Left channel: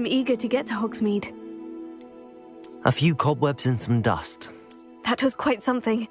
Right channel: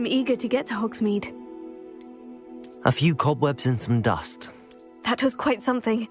I'm eager to get to Hogsmeade. A few cobwebs and some dust. That was quite something.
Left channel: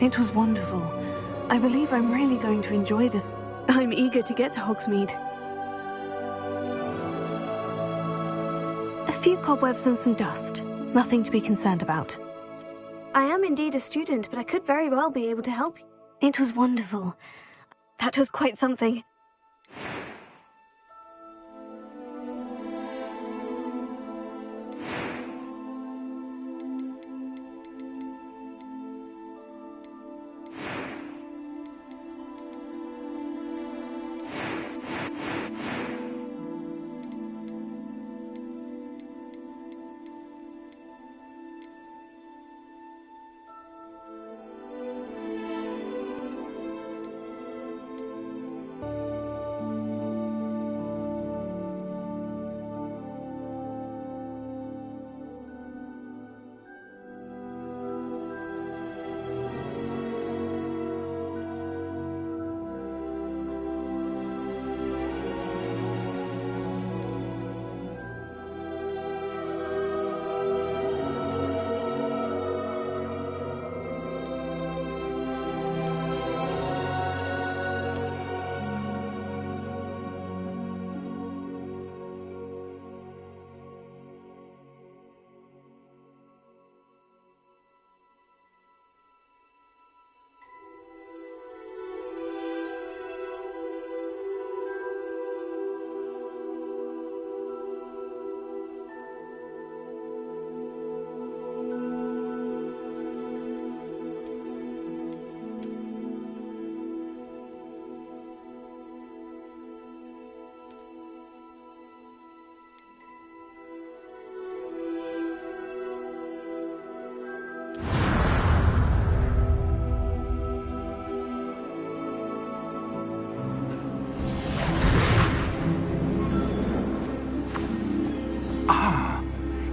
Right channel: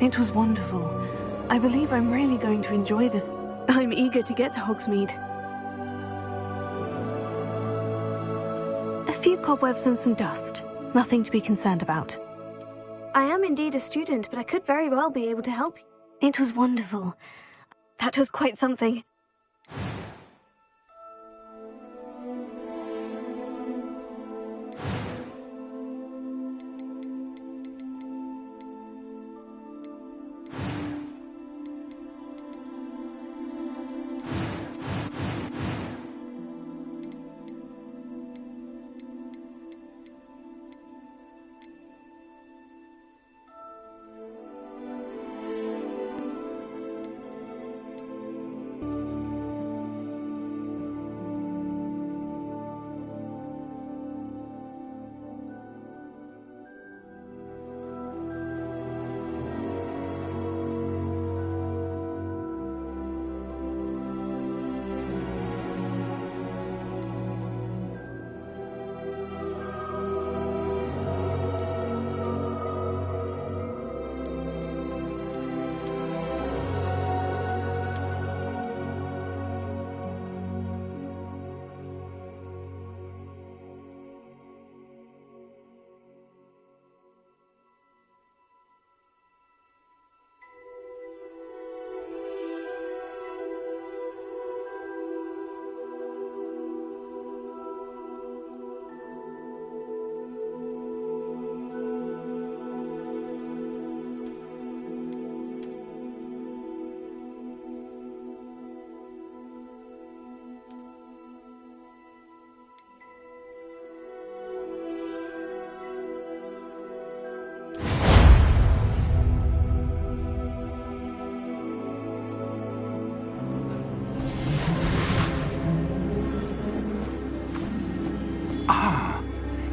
It was wonderful. I believe I'm really going to enjoy this. I'm eager to get to Hogsmeade. A few cobwebs and some dust. Nothing to be concerned about. I am indeed a student, but I could very well be able to help you. It was wonderful. That was quite something.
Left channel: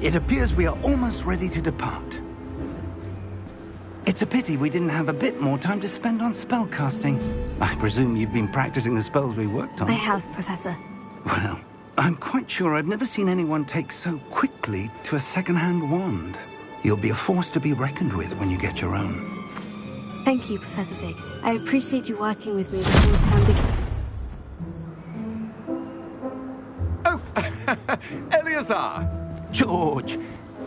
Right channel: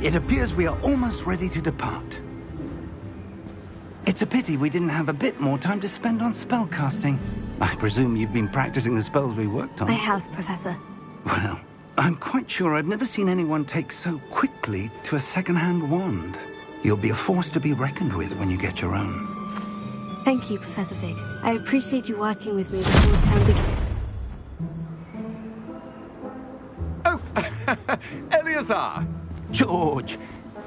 It appears we are almost ready to depart. It's a pity we didn't have a bit more time to spend on spellcasting. I presume you've been practicing the spells we worked on. I have, Professor. Well, I'm quite sure I've never seen anyone take so quickly to a second-hand wand. You'll be a force to be reckoned with when you get your own. Thank you, Professor Fig. I appreciate you working with me before the term begins. Oh, Eleazar! George,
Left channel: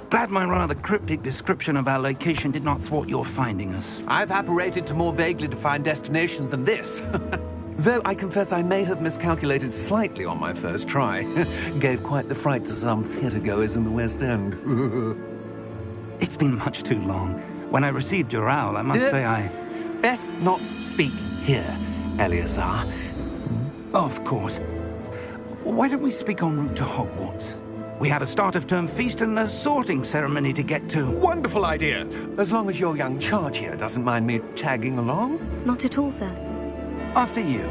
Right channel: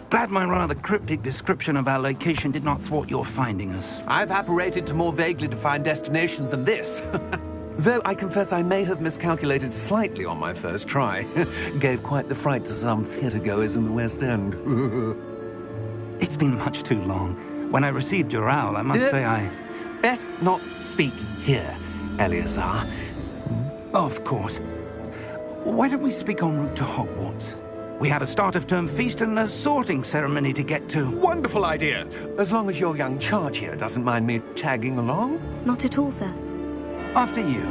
glad my rather cryptic description of our location did not thwart your finding us. I've apparated to more vaguely defined destinations than this. Though I confess I may have miscalculated slightly on my first try. Gave quite the fright to some theatre-goers in the West End. It's been much too long. When I received your owl, I must say I... Best not speak here, Eleazar. Of course. Why don't we speak en route to Hogwarts? We have a start-of-term feast and a sorting ceremony to get to. Wonderful idea! As long as your young charge here doesn't mind me tagging along. Not at all, sir. After you.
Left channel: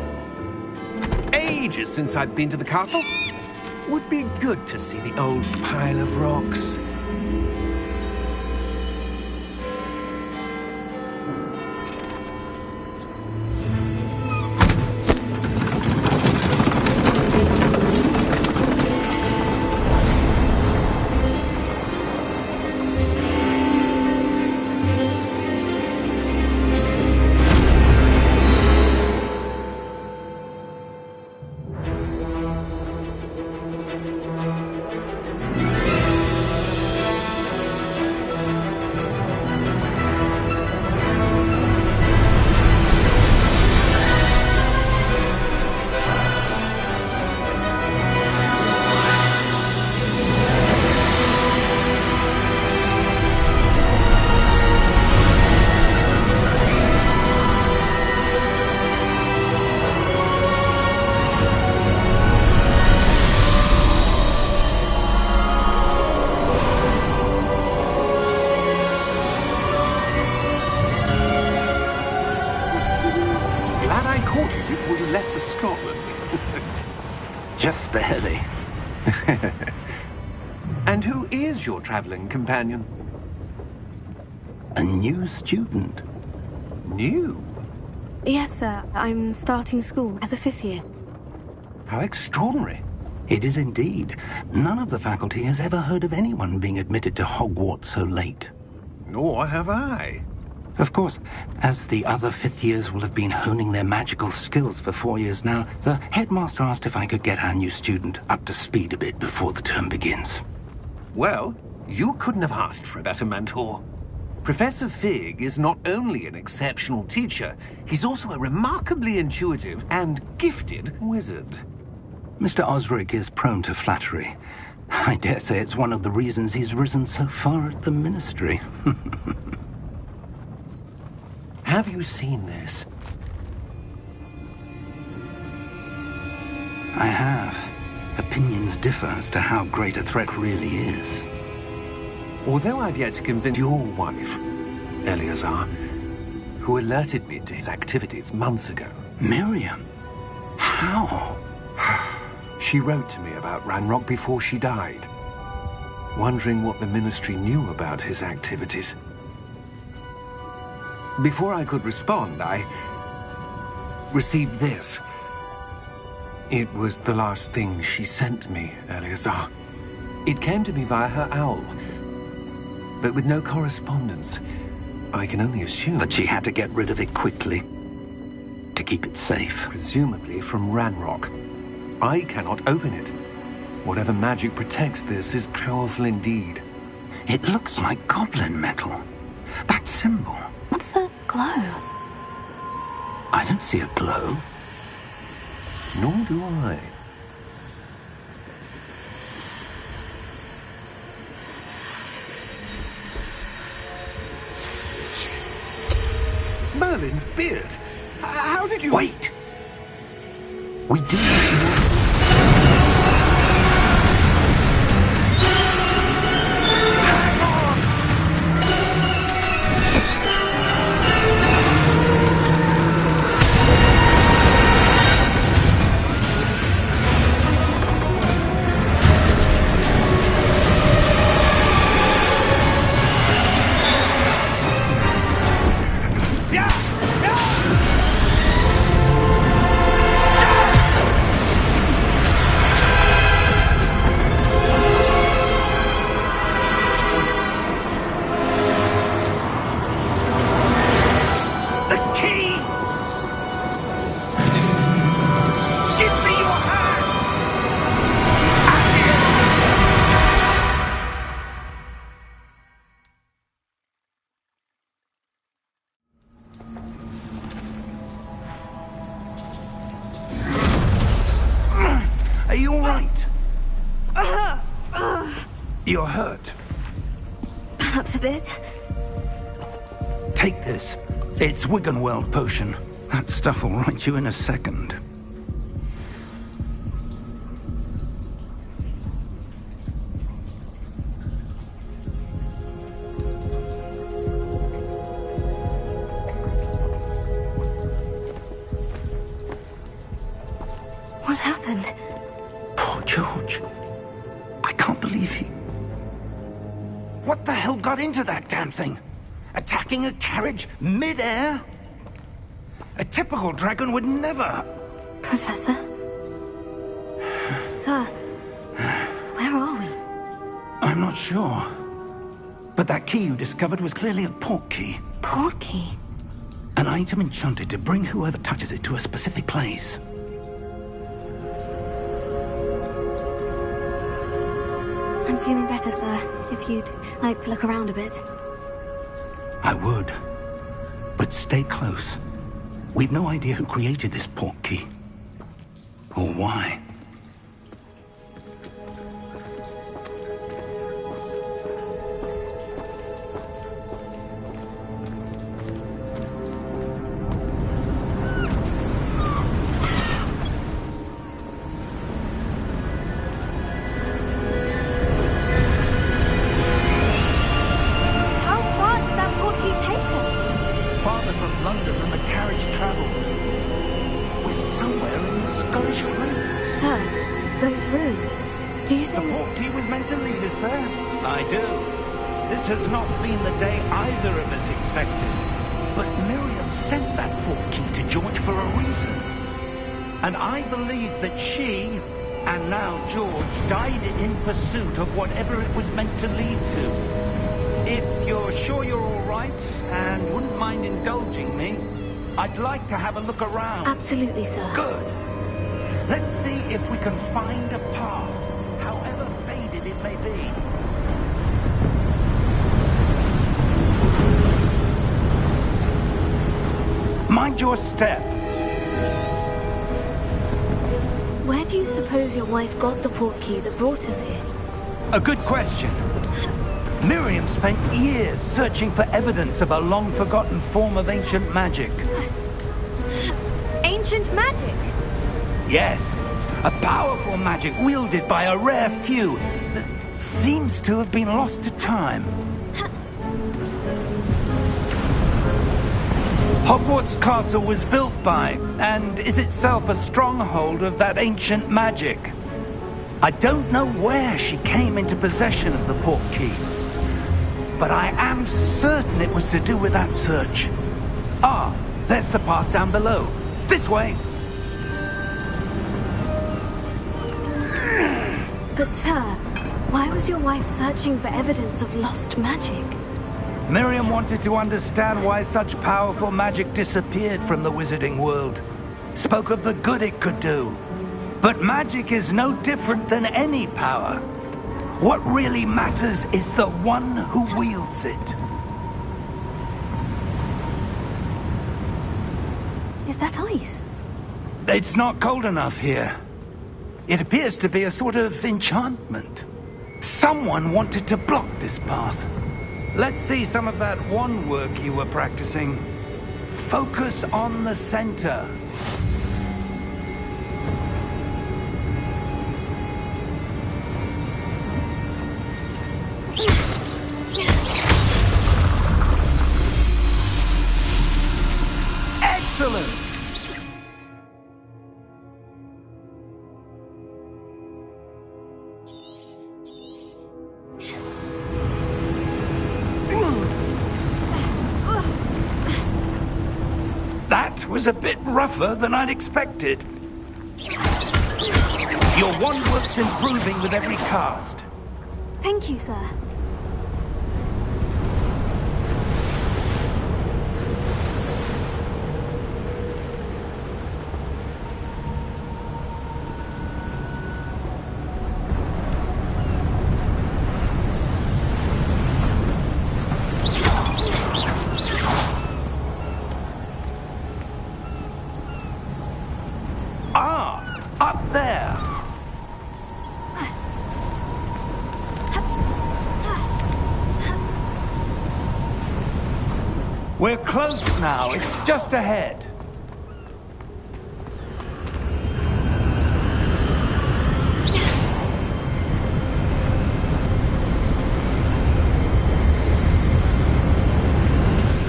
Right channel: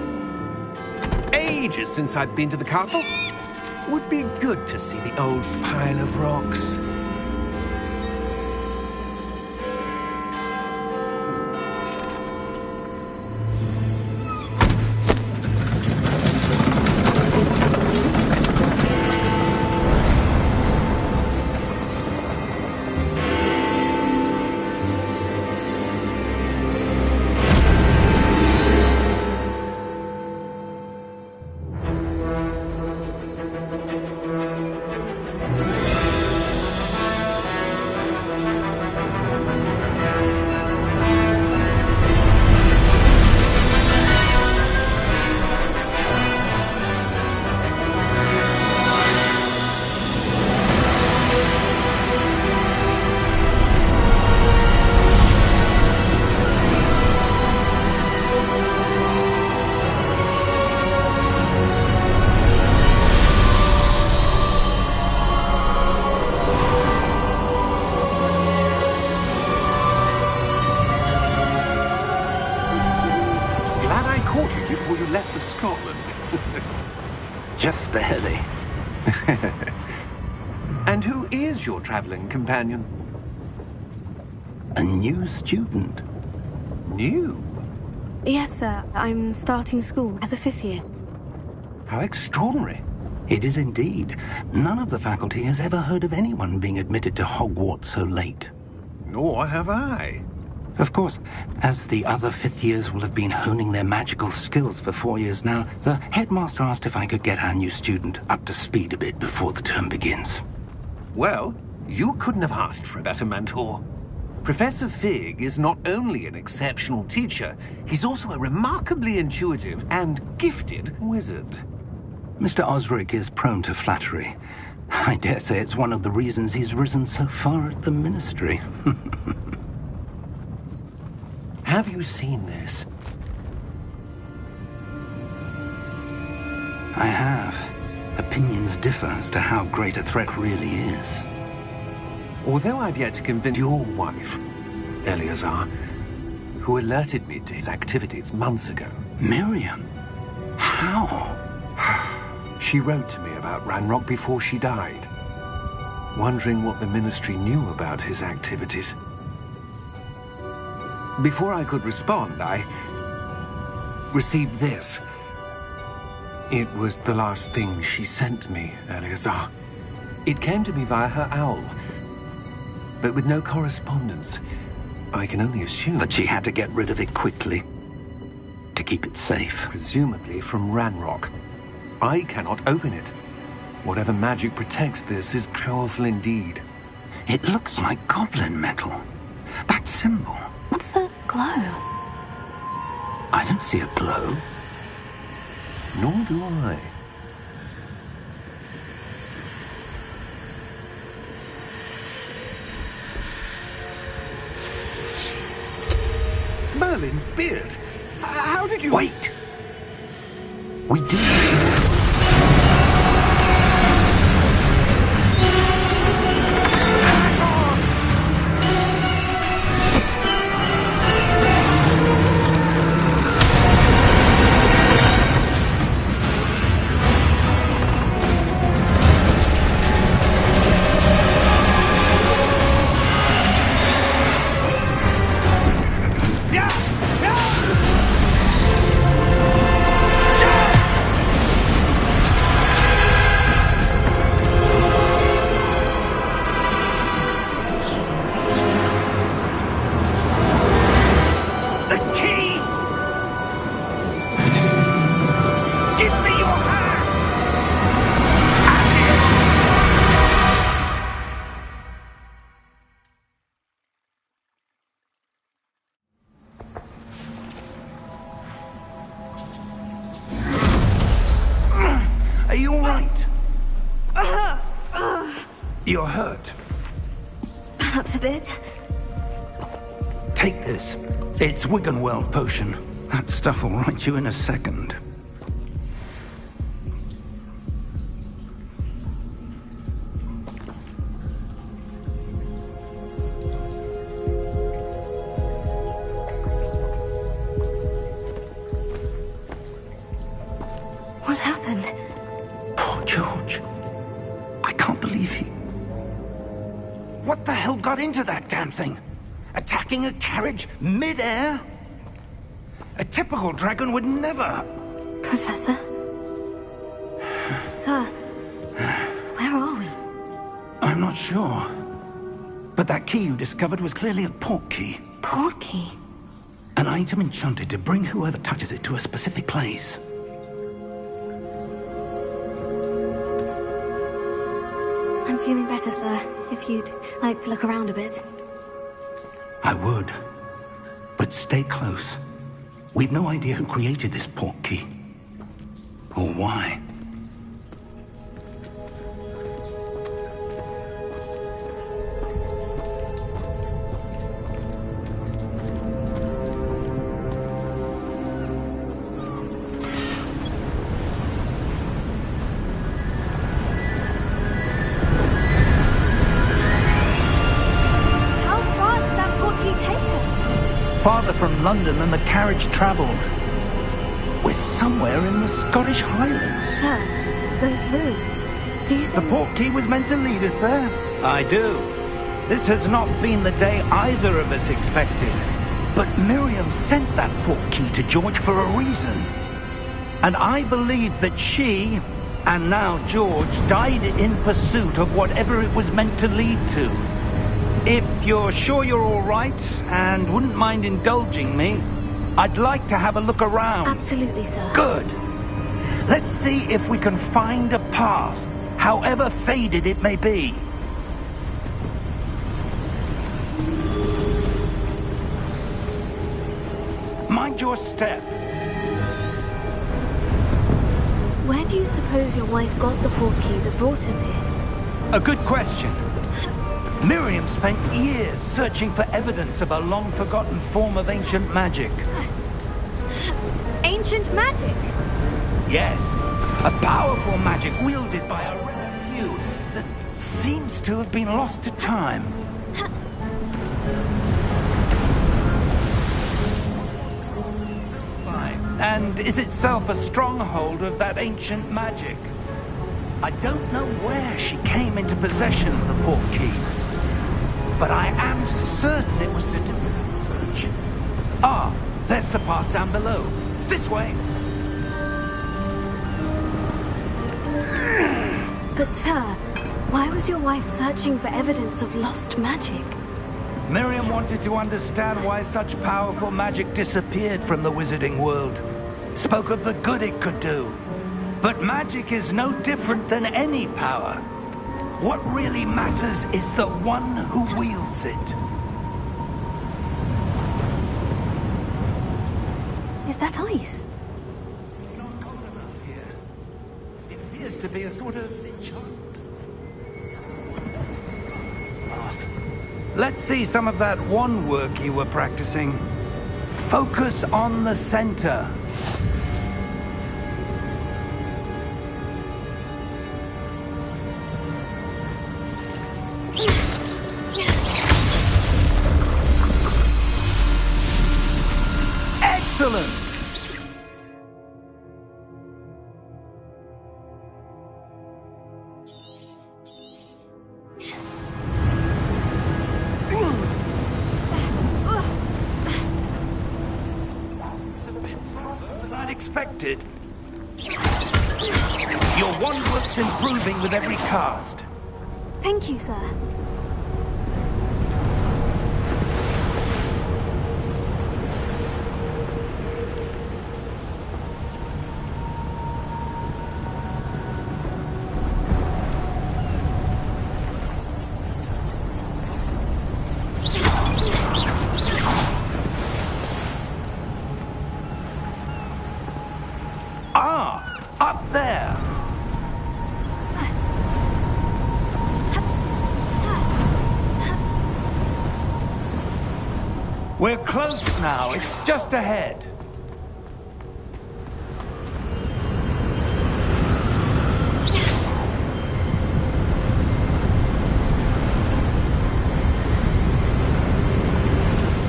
Ages since I've been to the castle. Would be good to see the old pile of rocks. before you left for Scotland. Just barely. And who is your traveling companion? A new student. New? Yes, sir. I'm starting school as a 5th year. How extraordinary. It is indeed. None of the faculty has ever heard of anyone being admitted to Hogwarts so late. Nor have I. Of course, as the other 5th years will have been honing their magical skills for 4 years now, the headmaster asked if I could get our new student up to speed a bit before the term begins. Well, you couldn't have asked for a better mentor. Professor Fig is not only an exceptional teacher, he's also a remarkably intuitive and gifted wizard. Mr. Osric is prone to flattery. I dare say it's one of the reasons he's risen so far at the ministry. Have you seen this? I have. Opinions differ as to how great a threat really is. Although I've yet to convince your wife, Eleazar, who alerted me to his activities months ago. Miriam? How? She wrote to me about Ranrock before she died, wondering what the ministry knew about his activities. Before I could respond, I received this. It was the last thing she sent me, Eleazar. It came to me via her owl, but with no correspondence. I can only assume That she had to get rid of it quickly, to keep it safe. presumably from Ranrock. I cannot open it. Whatever magic protects this is powerful indeed. It looks like goblin metal. That symbol. What's the glow? I don't see a glow. Nor do I. Merlin's beard. How did you... Wait! We do. Hang on! The key! Give me your hand! Are you all right? You're hurt. Perhaps a bit. Take this. It's Wiggenweld potion. That stuff will right you in a second. What happened? Poor George. I can't believe he... What the hell got into that damn thing? Attacking a carriage mid-air? A typical dragon would never... Professor? Sir, where are we? I'm not sure. But that key you discovered was clearly a port key. Port key? An item enchanted to bring whoever touches it to a specific place. I'm feeling better, sir. If you'd like to look around a bit. I would. But stay close. We've no idea who created this port key. Or why. How far did that port key take us? Farther from London than the carriage traveled. We're somewhere in the Scottish Highlands. Sir, those ruins, do you The think... portkey was meant to lead us there? I do. This has not been the day either of us expected. But Miriam sent that portkey to George for a reason. And I believe that she, and now George, died in pursuit of whatever it was meant to lead to. If you're sure you're all right, and wouldn't mind indulging me, I'd like to have a look around. Absolutely, sir. Good. Let's see if we can find a path, however faded it may be. Mind your step. Where do you suppose your wife got the portkey that brought us here? A good question. Miriam spent years searching for evidence of a long-forgotten form of ancient magic. Ancient magic? Yes, a powerful magic wielded by a rare few that seems to have been lost to time. Hogwarts Castle was built by, and is itself a stronghold of that ancient magic. I don't know where she came into possession of the portkey, but I am certain it was to do with that search. Ah, there's the path down below. This way. But sir, why was your wife searching for evidence of lost magic? Miriam wanted to understand why such powerful magic disappeared from the wizarding world. Spoke of the good it could do. But magic is no different than any power. What really matters is the one who wields it. Is that ice? It's not cold enough here. It appears to be a sort of enchantment. Someone wanted to block this path. Let's see some of that wand work you were practicing. Focus on the center. Excellent! That was a bit rougher than I'd expected. Your wand work's improving with every cast. Thank you, sir. Ah, up there. We're close now. It's just ahead.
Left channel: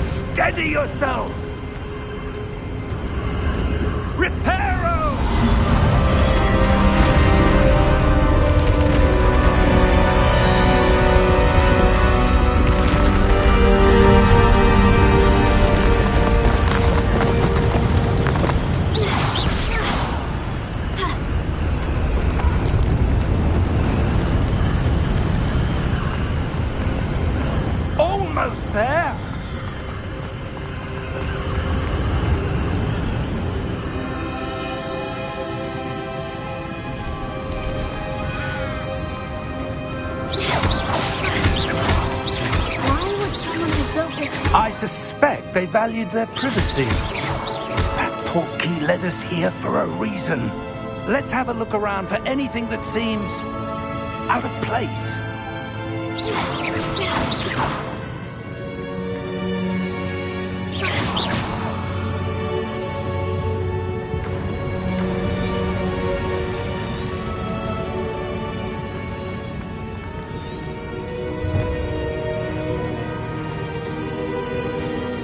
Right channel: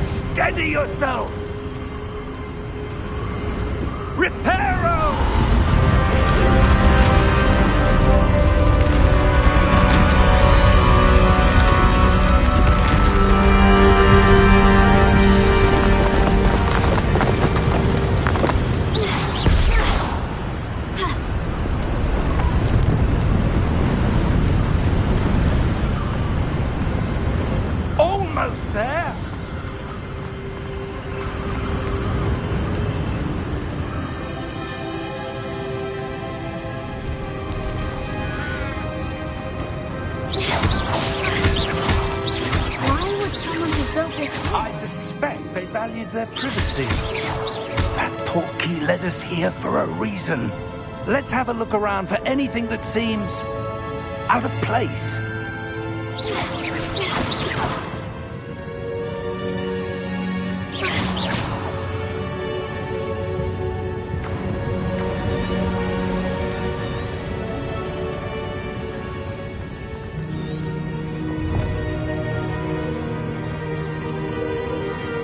Steady yourself. Reparo! Almost there. Why would someone who built this... I suspect they valued their privacy. That portkey led us here for a reason. Let's have a look around for anything that seems out of place.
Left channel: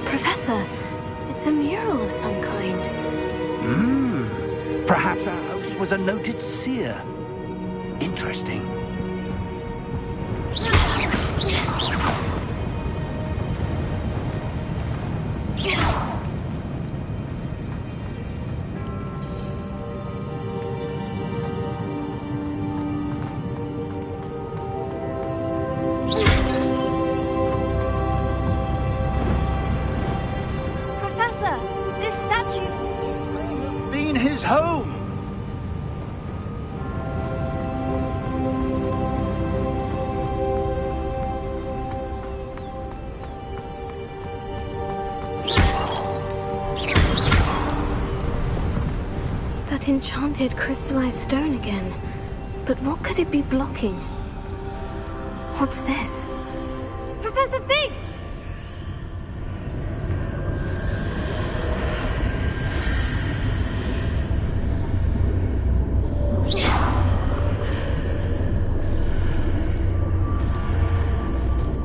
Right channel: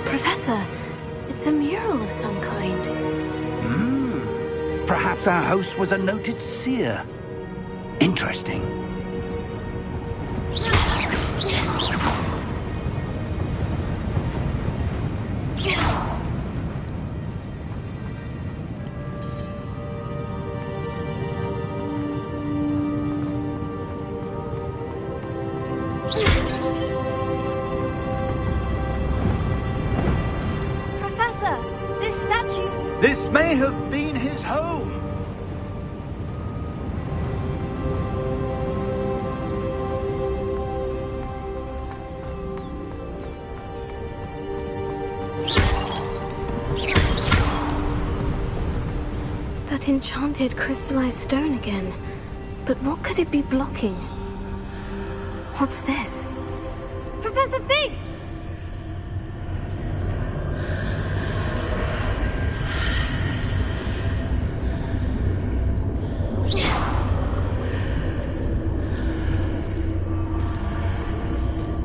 Professor, it's a mural of some kind. Perhaps our host was a noted seer. Interesting. Professor, this statue... This may have been his home. That enchanted crystallized stone again. But what could it be blocking? What's this? Professor Fig!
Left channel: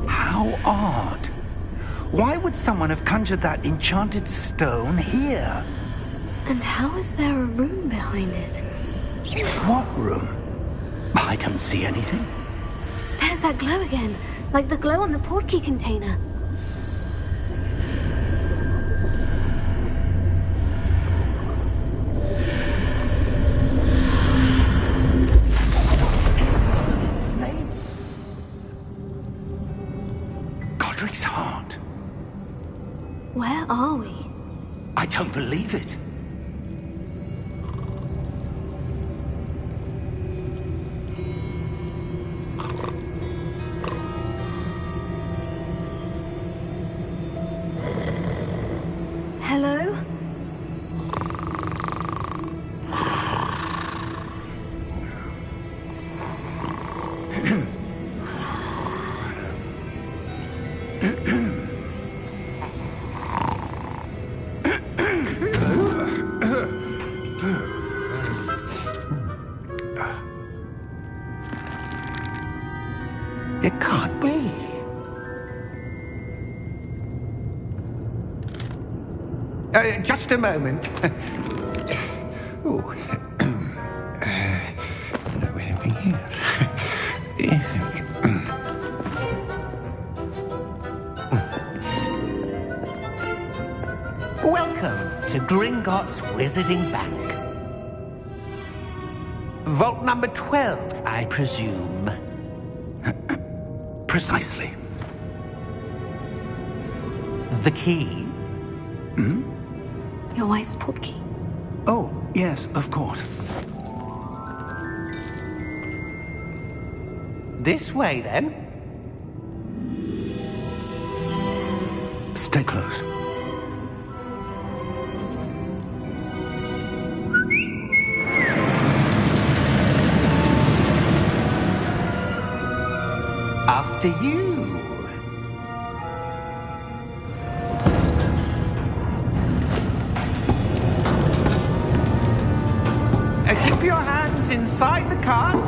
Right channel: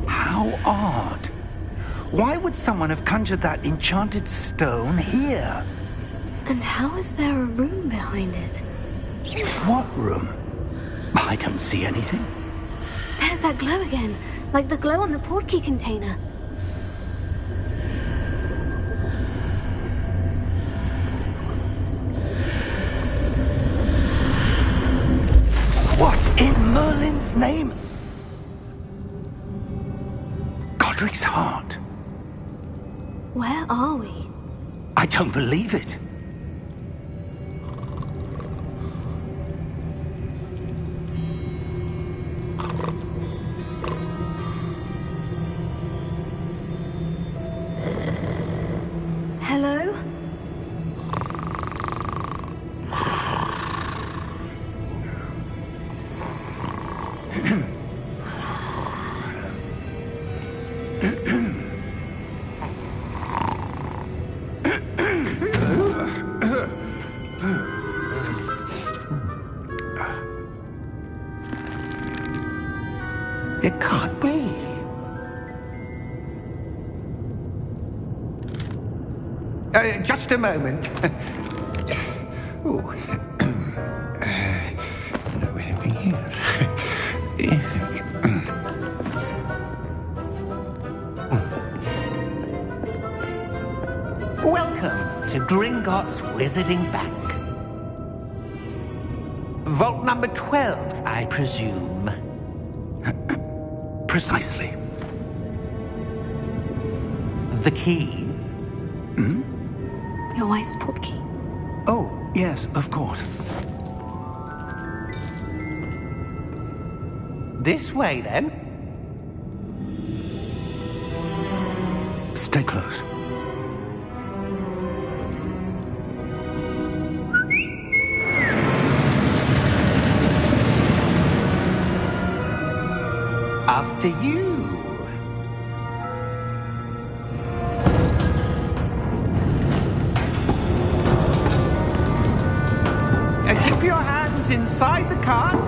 How odd. Why would someone have conjured that enchanted stone here? And how is there a room behind it? What room? I don't see anything. There's that glow again, like the glow on the portkey container. What in Merlin's name? Godric's heart. Where are we? I don't believe it. Hello? It can't be. Just a moment. Oh. Anything here? Welcome to Gringotts Wizarding Bank. Vault number 12, I presume. Precisely. The key? Your wife's portkey. Oh, yes, of course. This way, then. Stay close. After you. Keep your hands inside the cart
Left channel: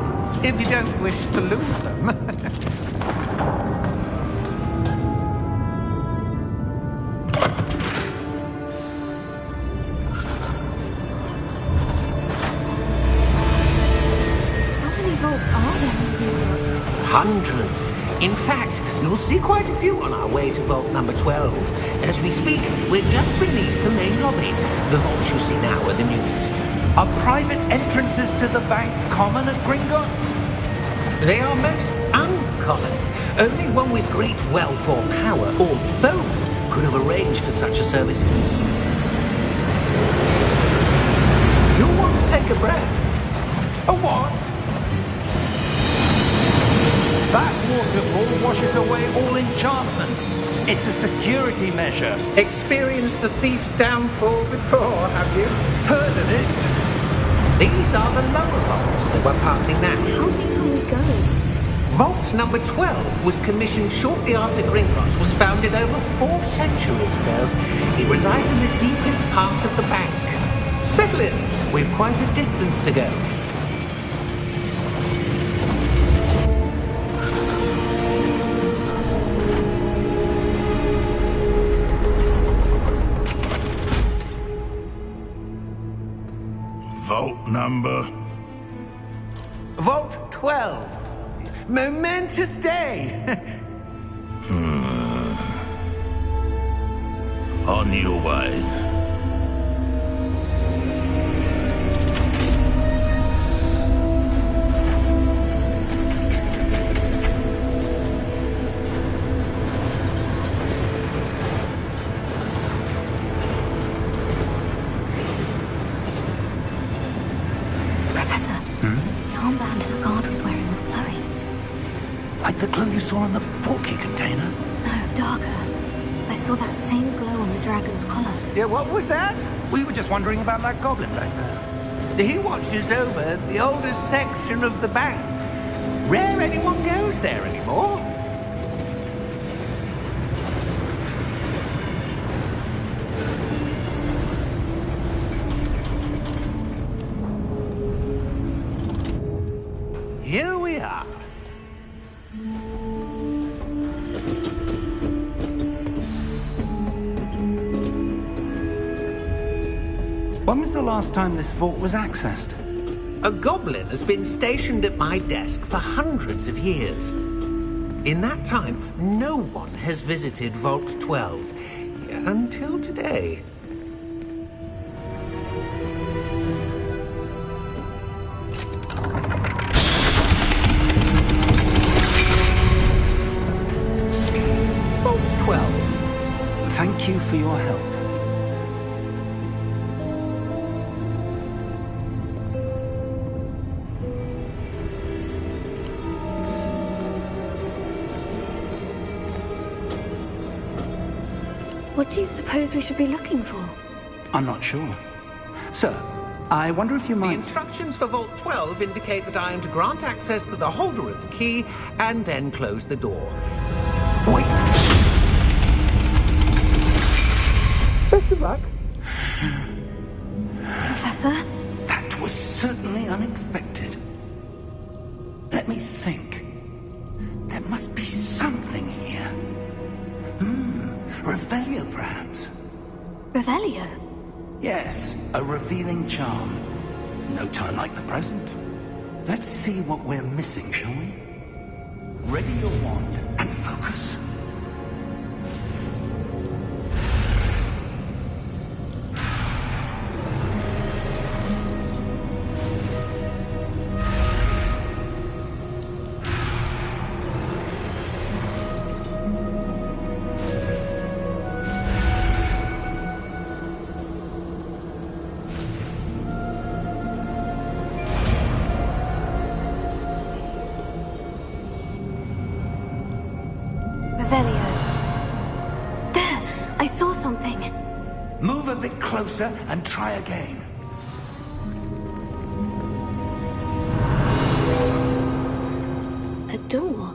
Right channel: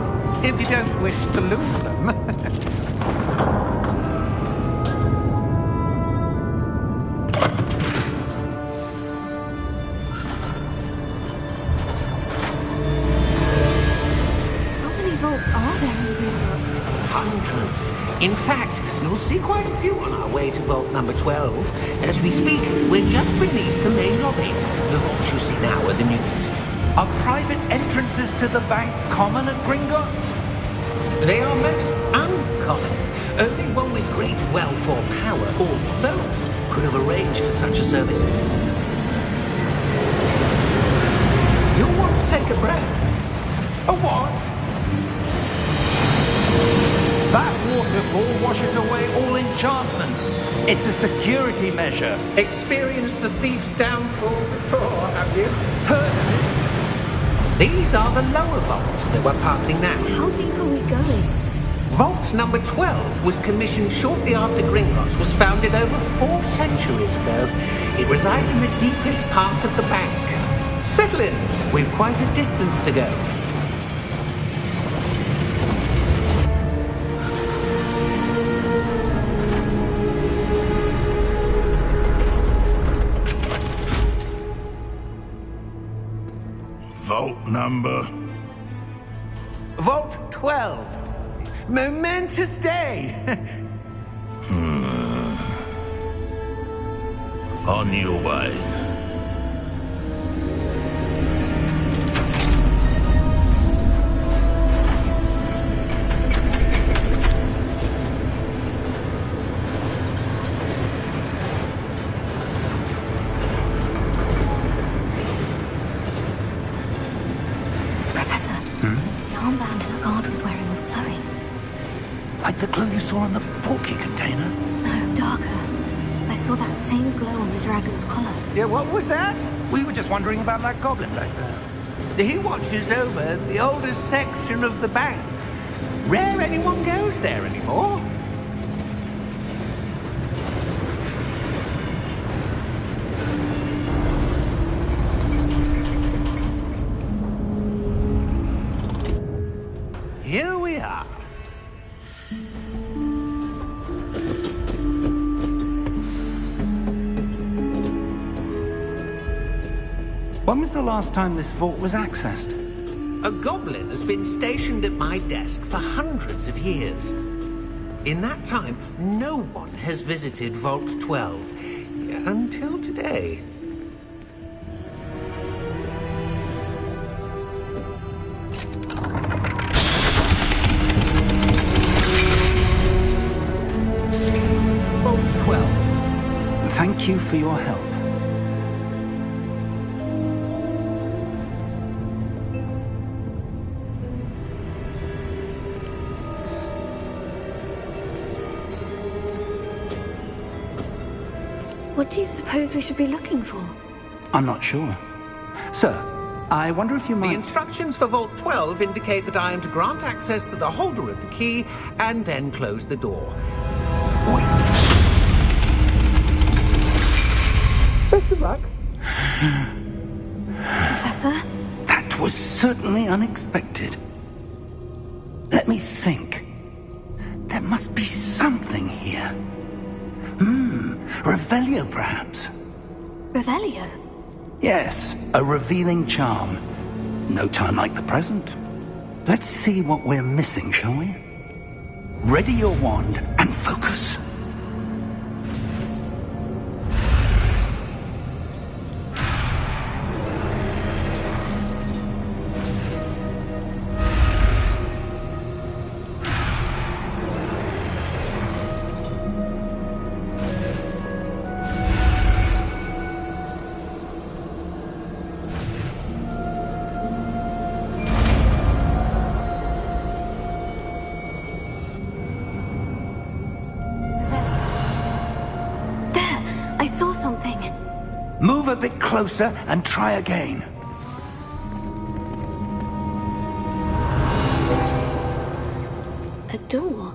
if you don't wish to lose them. How many vaults are there in Gringotts? Hundreds. In fact, you'll see quite a few on our way to vault number 12. As we speak, we're just beneath the main lobby. The vaults you see now are the newest. Are private entrances to the bank common at Gringotts? They are most uncommon. Only one with great wealth or power, or both, could have arranged for such a service. You'll want to take a breath. A what? That waterfall washes away all enchantments. It's a security measure. Experienced the thief's downfall before, have you? Heard of it? These are the lower vaults that we're passing now. How deep are we going? Vault number 12 was commissioned shortly after Gringotts was founded over 4 centuries ago. It resides in the deepest part of the bank. Settle in. We've quite a distance to go. vault number? Vault 12. Momentous day. On your way. Professor, the armband the guard was wearing was glowing. Like the glow you saw on the portkey container? No, darker. I saw that same glow on the dragon's collar. Yeah, what was that? We were just wondering about that goblin back there. He watches over the oldest section of the bank. Rare anyone goes there anymore. Here we are. When was the last time this vault was accessed? A goblin has been stationed at my desk for hundreds of years. In that time, no one has visited Vault 12 until today. Vault 12. Thank you for your help. What do you suppose we should be looking for? I'm not sure. Sir, I wonder if you The might... instructions for Vault 12 indicate that I am to grant access to the holder of the key and then close the door. Wait! Best of luck. Professor? That was certainly unexpected. Let me think. There must be something here. Revelio, perhaps? Revelio? Yes, a revealing charm. No time like the present. Let's see what we're missing, shall we? Ready your wand and focus. I saw something. Move a bit closer and try again. A door?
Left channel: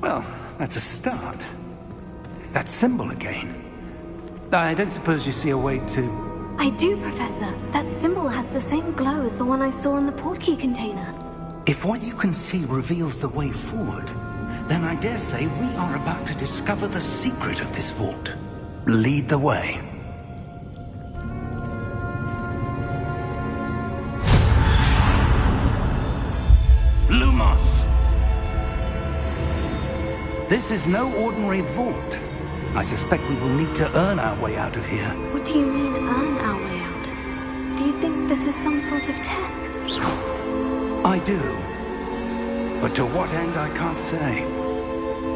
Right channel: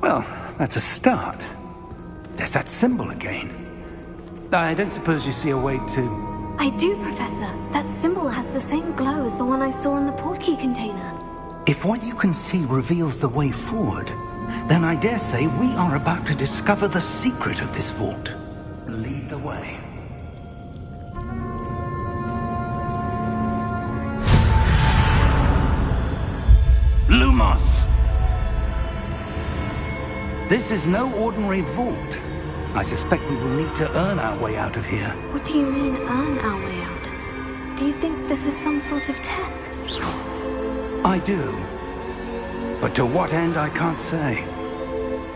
Well, that's a start. There's that symbol again. I don't suppose you see a way to... I do, Professor. That symbol has the same glow as the one I saw in the portkey container. If what you can see reveals the way forward, then I dare say we are about to discover the secret of this vault. Lead the way. Lumos! This is no ordinary vault. I suspect we will need to earn our way out of here. What do you mean, earn our way out? Do you think this is some sort of test? I do. But to what end, I can't say.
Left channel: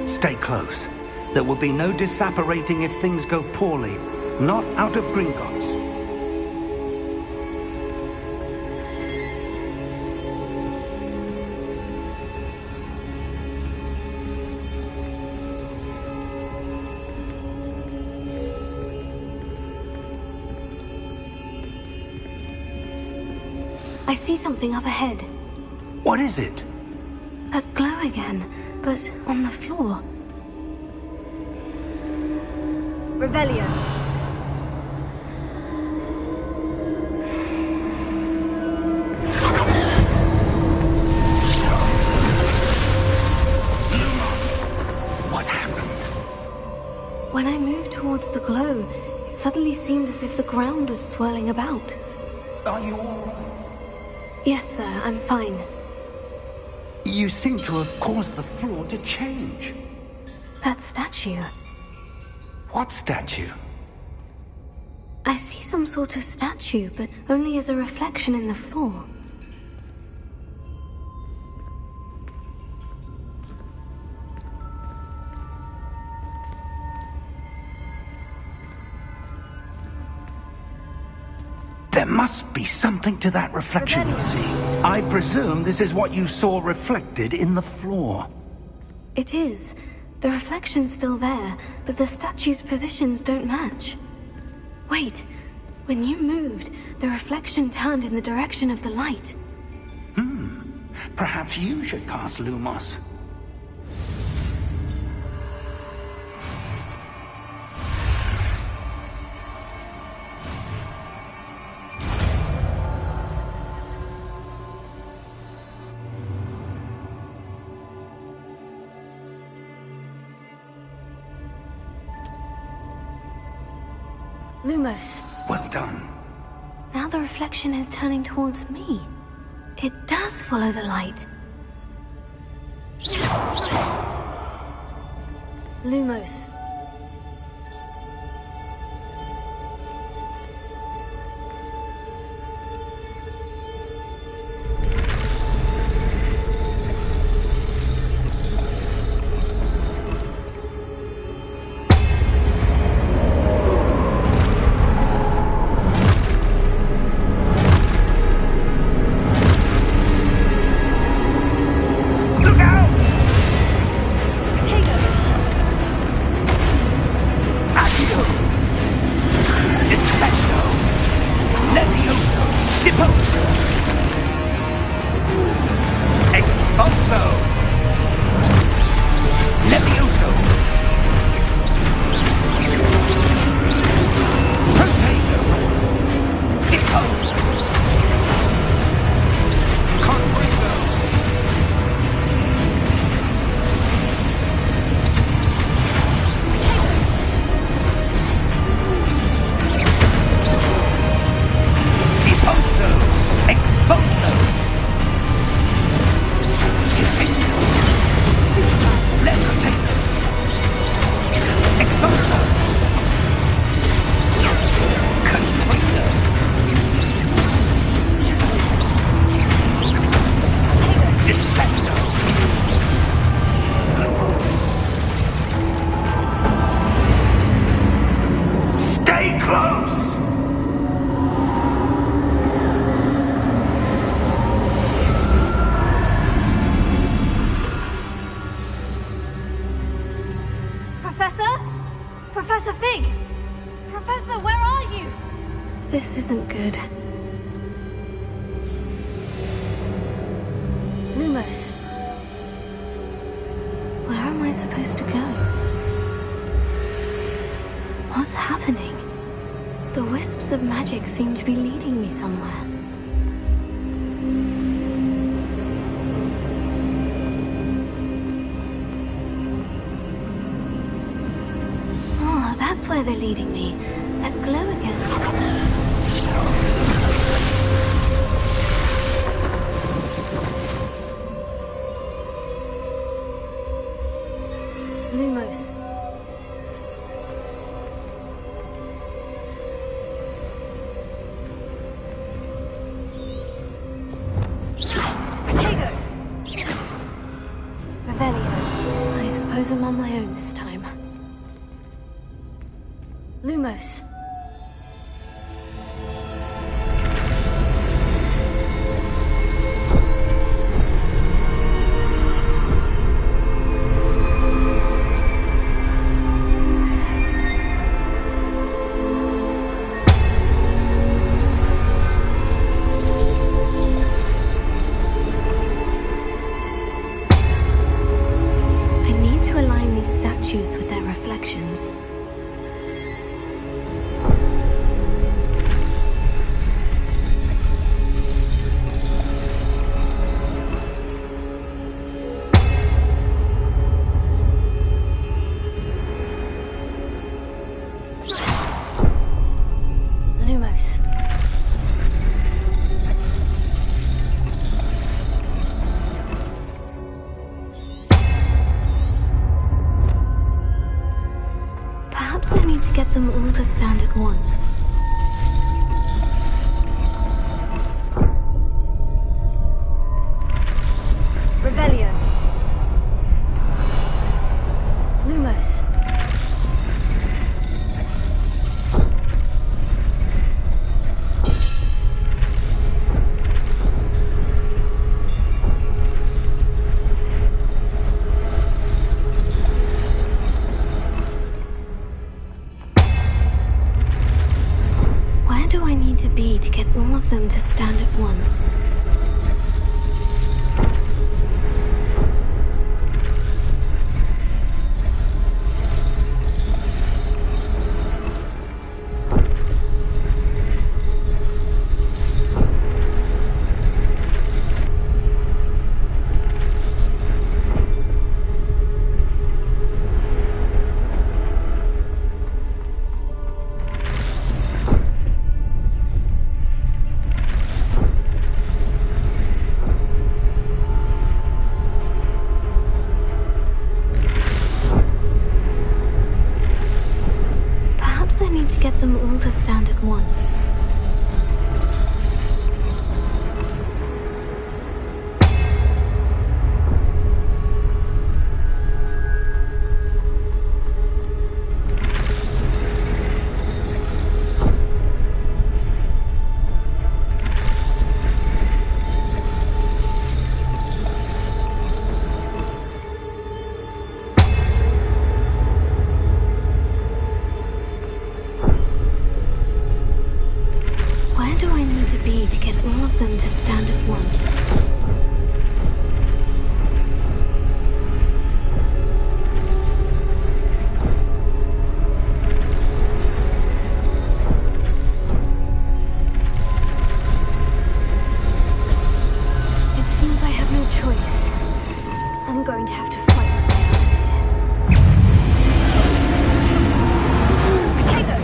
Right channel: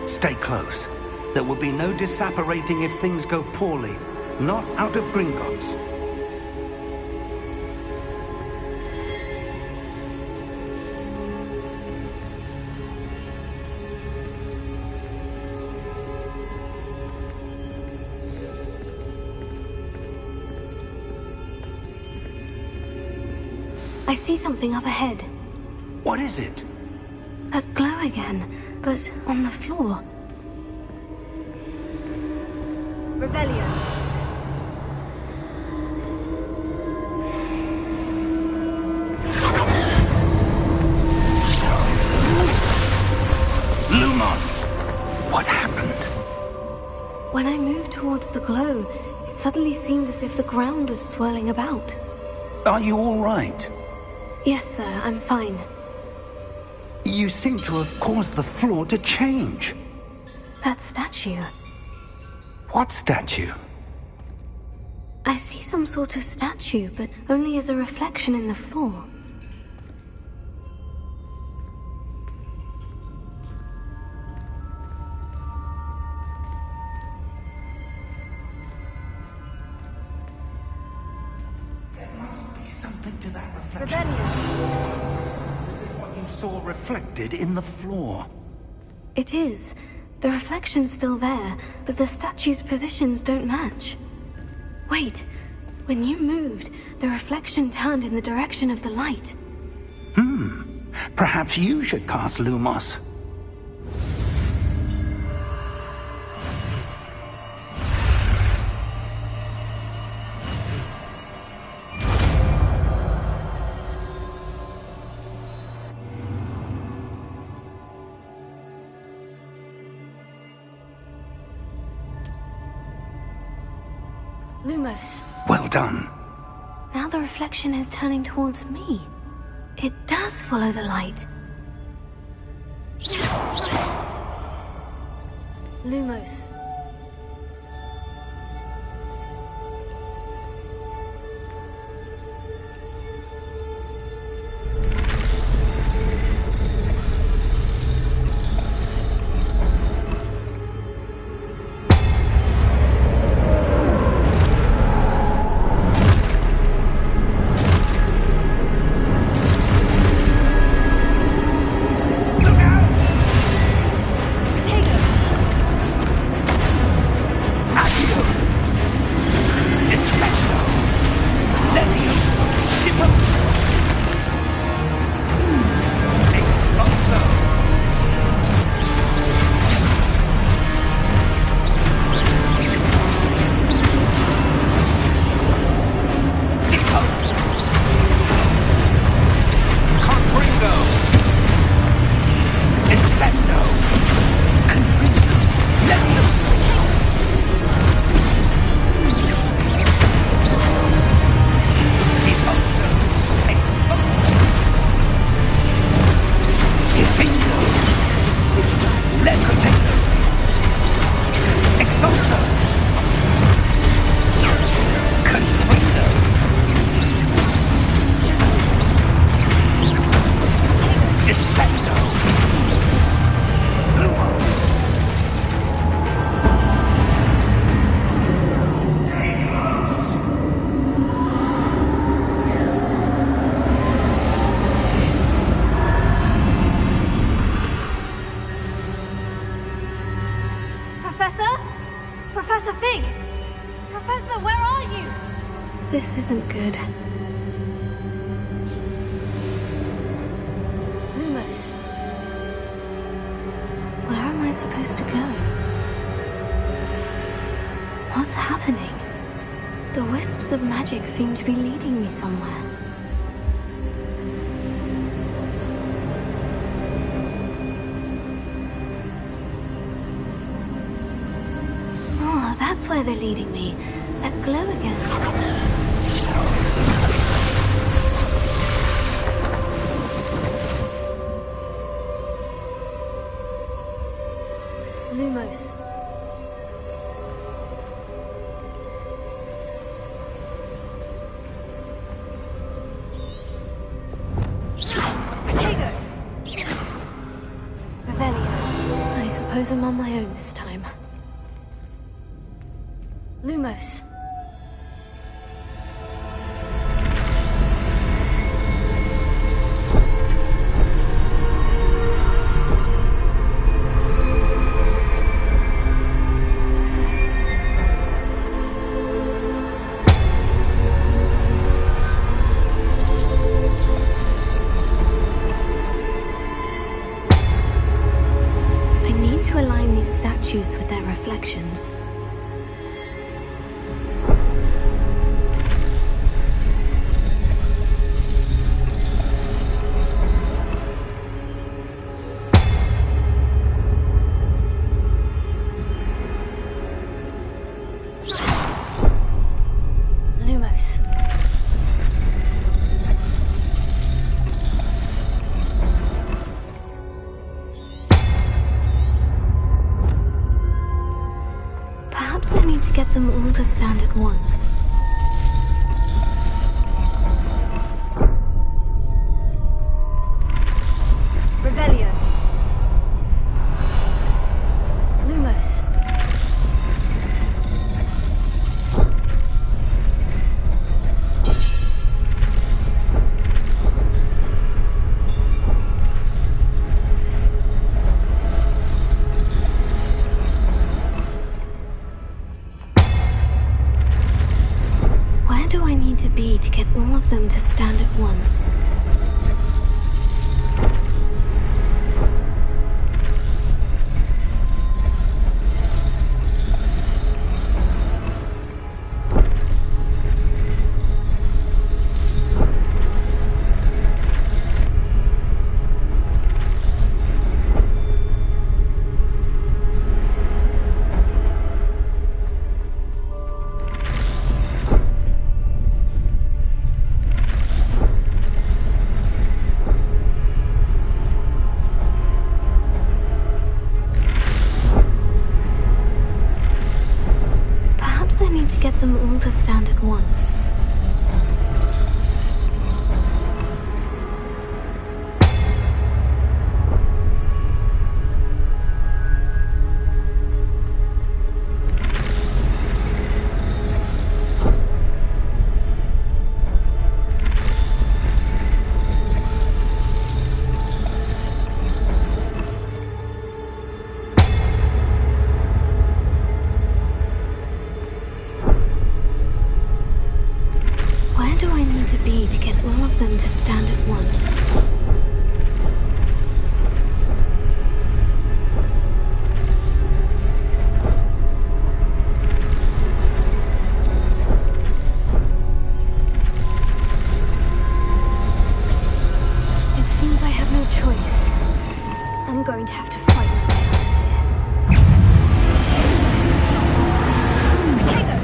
Stay close. There will be no disapparating if things go poorly. Not out of Gringotts. I see something up ahead. What is it? That glow again, but on the floor. Revelio. Lumos! What happened? When I moved towards the glow, it suddenly seemed as if the ground was swirling about. Are you all right? Yes, sir, I'm fine. You seem to have caused the floor to change. That statue. What statue? I see some sort of statue, but only as a reflection in the floor. There must be something to that reflection. Rebellion. I presume this is what you saw reflected in the floor. It is. The reflection's still there, but the statue's positions don't match. Wait, when you moved, the reflection turned in the direction of the light. Perhaps you should cast Lumos. Lumos. Well done. Now the reflection is turning towards me. It does follow the light. Lumos. Professor Fig! Professor, where are you? This isn't good. Lumos. Where am I supposed to go? What's happening? The wisps of magic seem to be leading me somewhere. Oh, that's where they're leading me. That glow again. Lumos. Potato! Revelio. I suppose I'm on my own this time. Lumos. I need to align these statues with their reflections. Lumos. Perhaps I need to get them all to stand at once. Revelio. Lumos. Where do I need to be to get all of them to stand at once? Get them all to stand at once. Where do I need to be to get all of them to stand at once? It seems I have no choice. I'm going to have to fight my way out of here. Potato!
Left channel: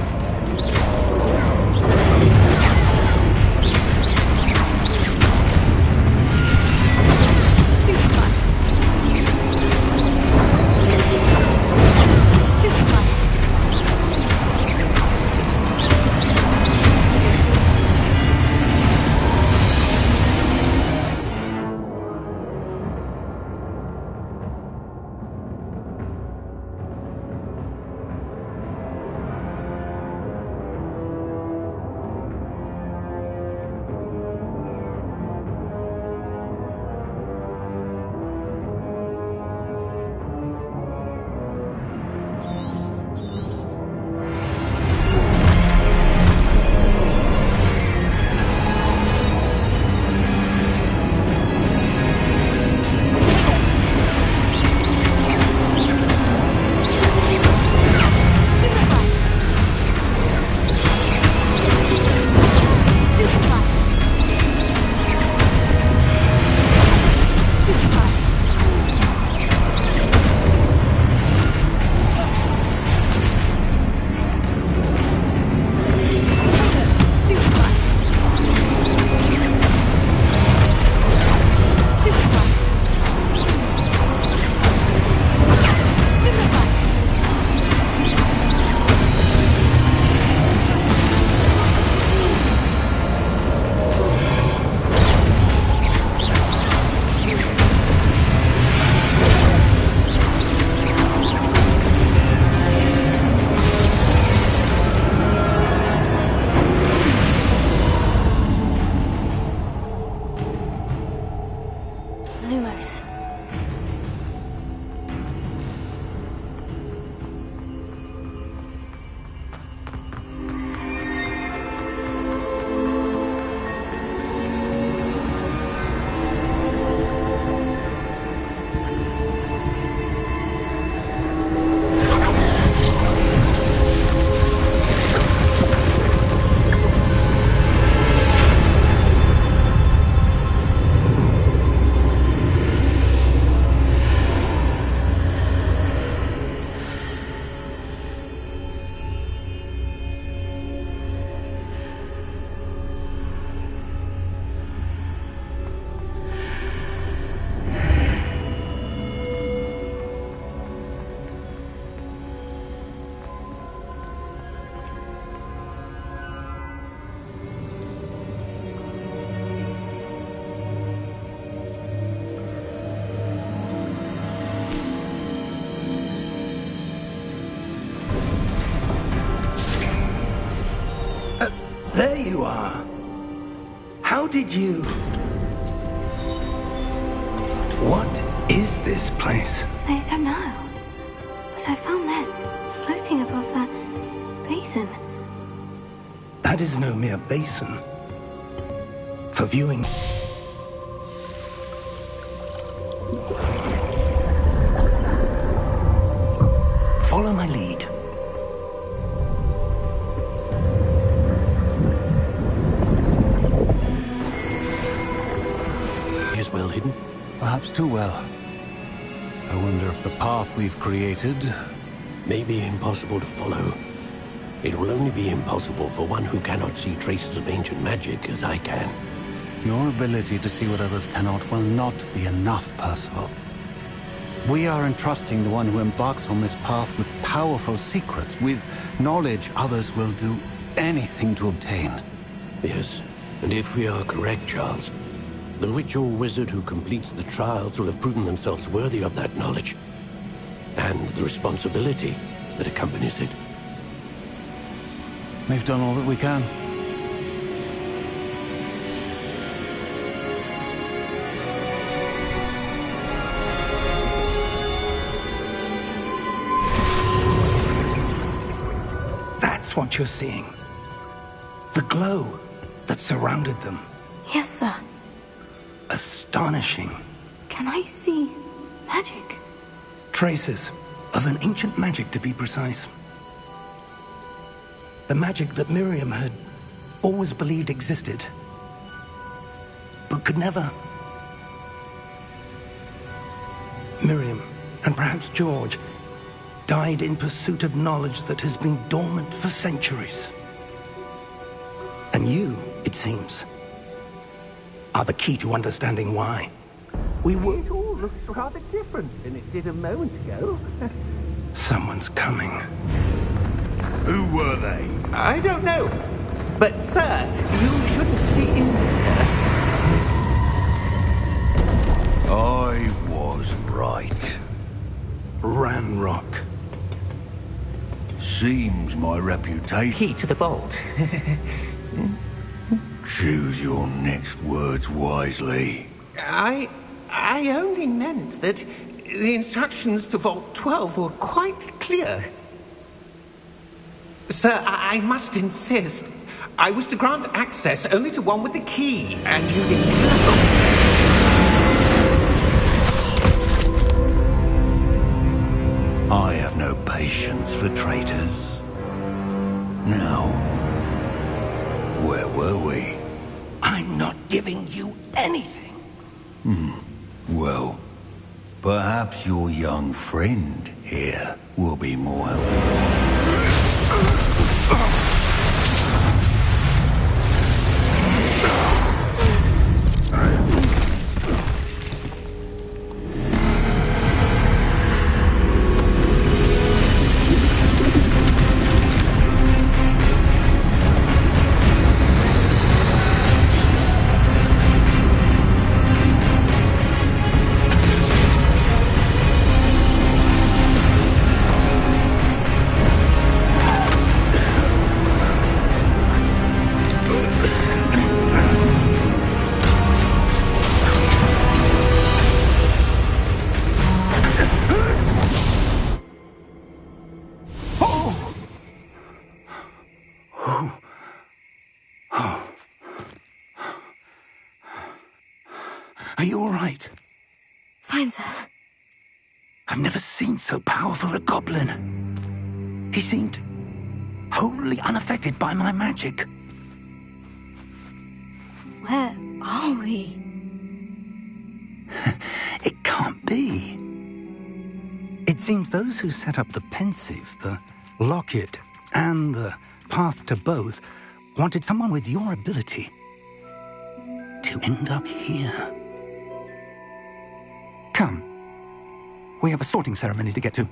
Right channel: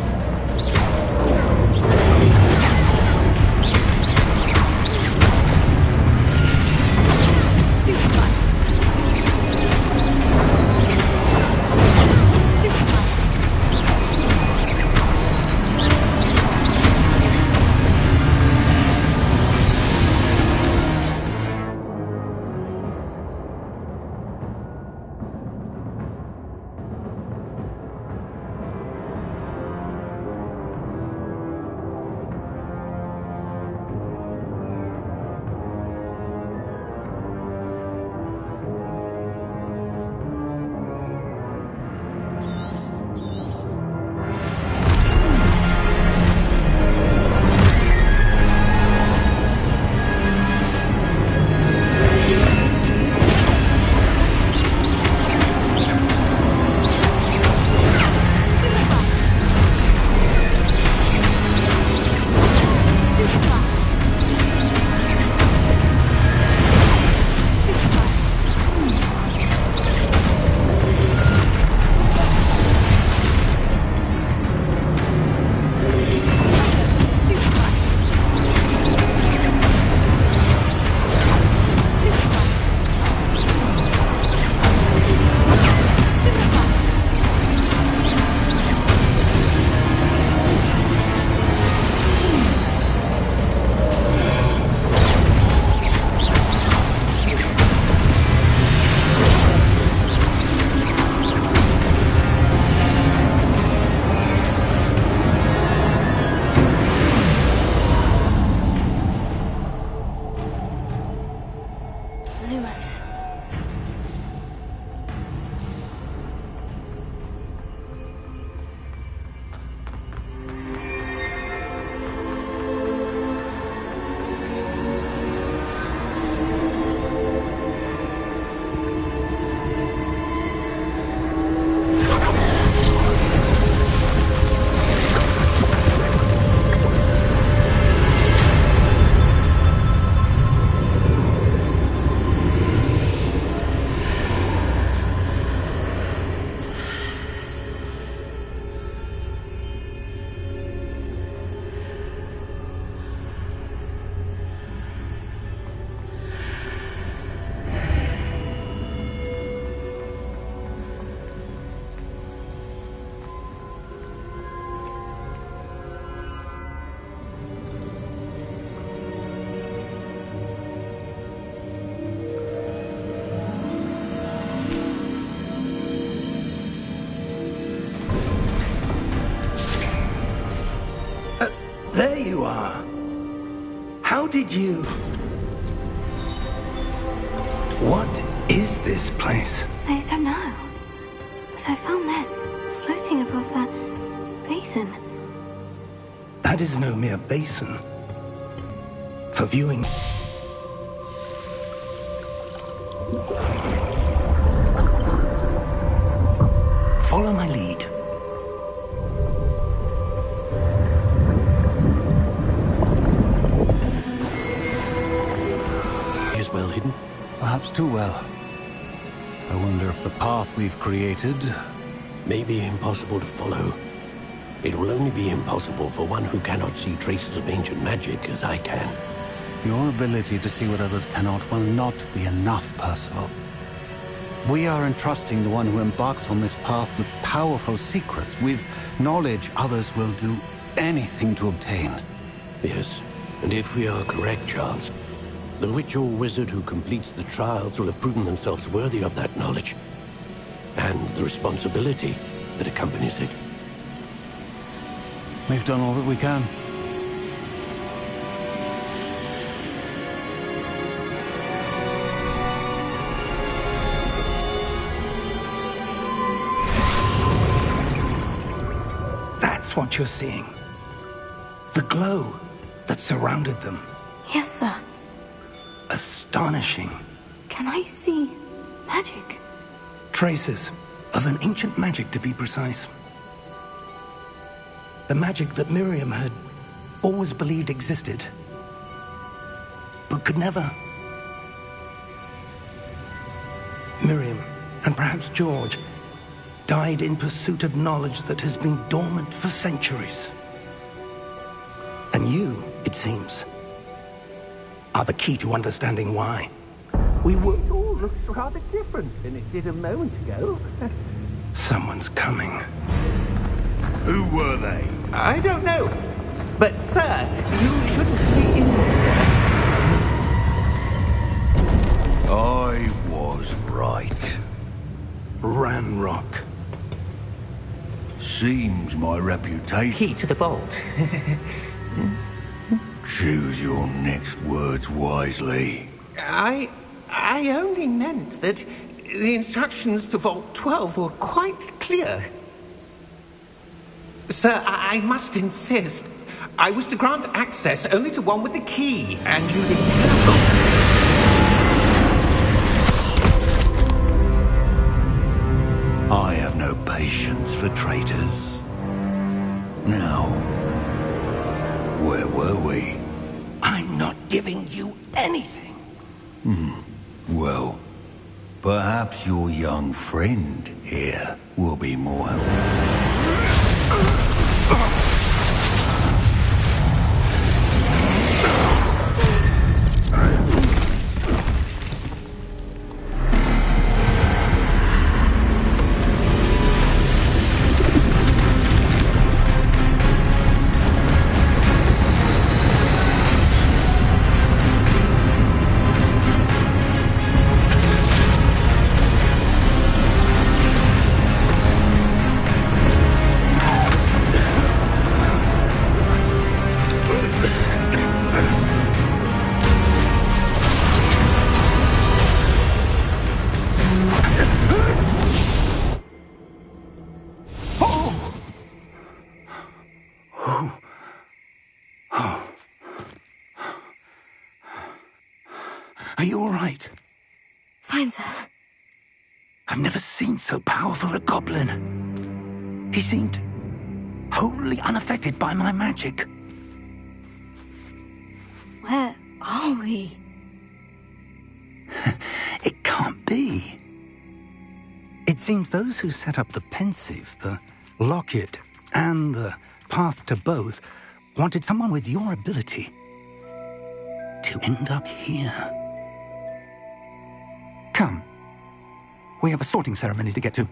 you are. How did you... What is this place? I don't know. But I found this floating above that basin. That is no mere basin. For viewing... Follow my lead. Is well hidden? Perhaps too well. I wonder if the path we've created... May be impossible to follow. It will only be impossible for one who cannot see traces of ancient magic as I can. Your ability to see what others cannot will not be enough, Percival. We are entrusting the one who embarks on this path with powerful secrets, with knowledge others will do anything to obtain. Yes, and if we are correct, Charles, the witch or wizard who completes the trials will have proven themselves worthy of that knowledge, and the responsibility that accompanies it. We've done all that we can. That's what you're seeing. The glow that surrounded them. Yes, sir. Astonishing. Can I see magic? Traces of an ancient magic, to be precise. The magic that Miriam had always believed existed, but could never. Miriam, and perhaps George, died in pursuit of knowledge that has been dormant for centuries. And you, it seems, are the key to understanding why. We were... It all looks rather different than it did a moment ago. Someone's coming. Who were they? I don't know. But, sir, you shouldn't be in there. I was right. Ranrock. Seems my reputation... Key to the vault. Choose your next words wisely. I only meant that the instructions to Vault 12 were quite clear. Sir, I must insist. I was to grant access only to one with the key, and you didn't have... I have no patience for traitors. Now, where were we? I'm not giving you anything. Well, perhaps your young friend here will be more helpful. Are you all right? Fine, sir. I've never seen so powerful a goblin. He seemed wholly unaffected by my magic. Where are we? It can't be. It seems those who set up the pensive, the locket, and the path to both wanted someone with your ability to end up here. Come. We have a sorting ceremony to get to.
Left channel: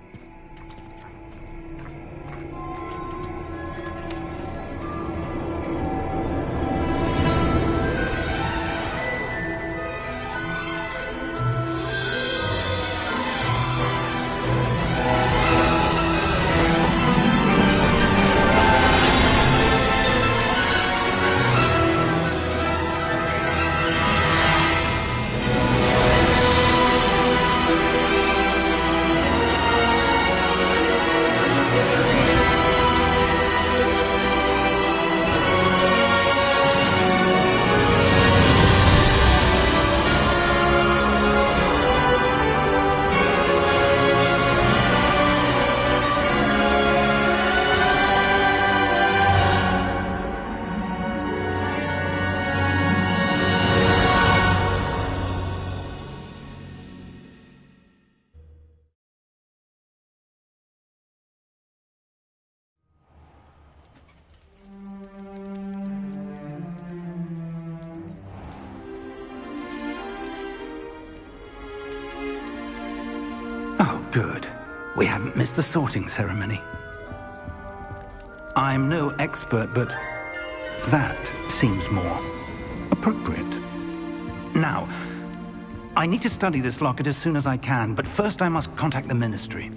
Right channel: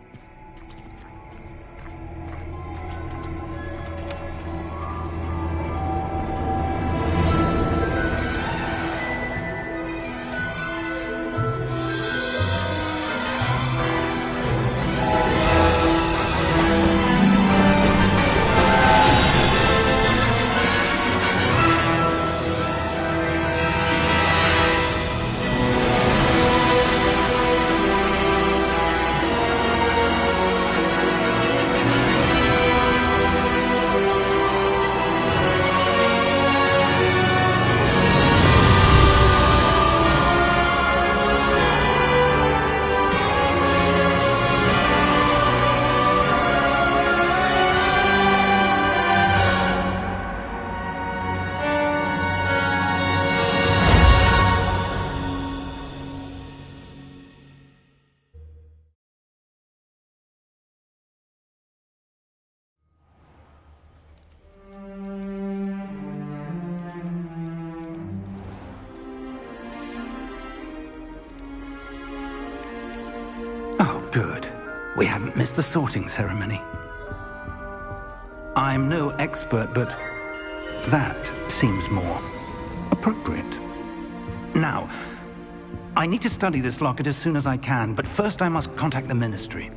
Good. We haven't missed the sorting ceremony. I'm no expert, but that seems more appropriate. Now, I need to study this locket as soon as I can, but first I must contact the Ministry.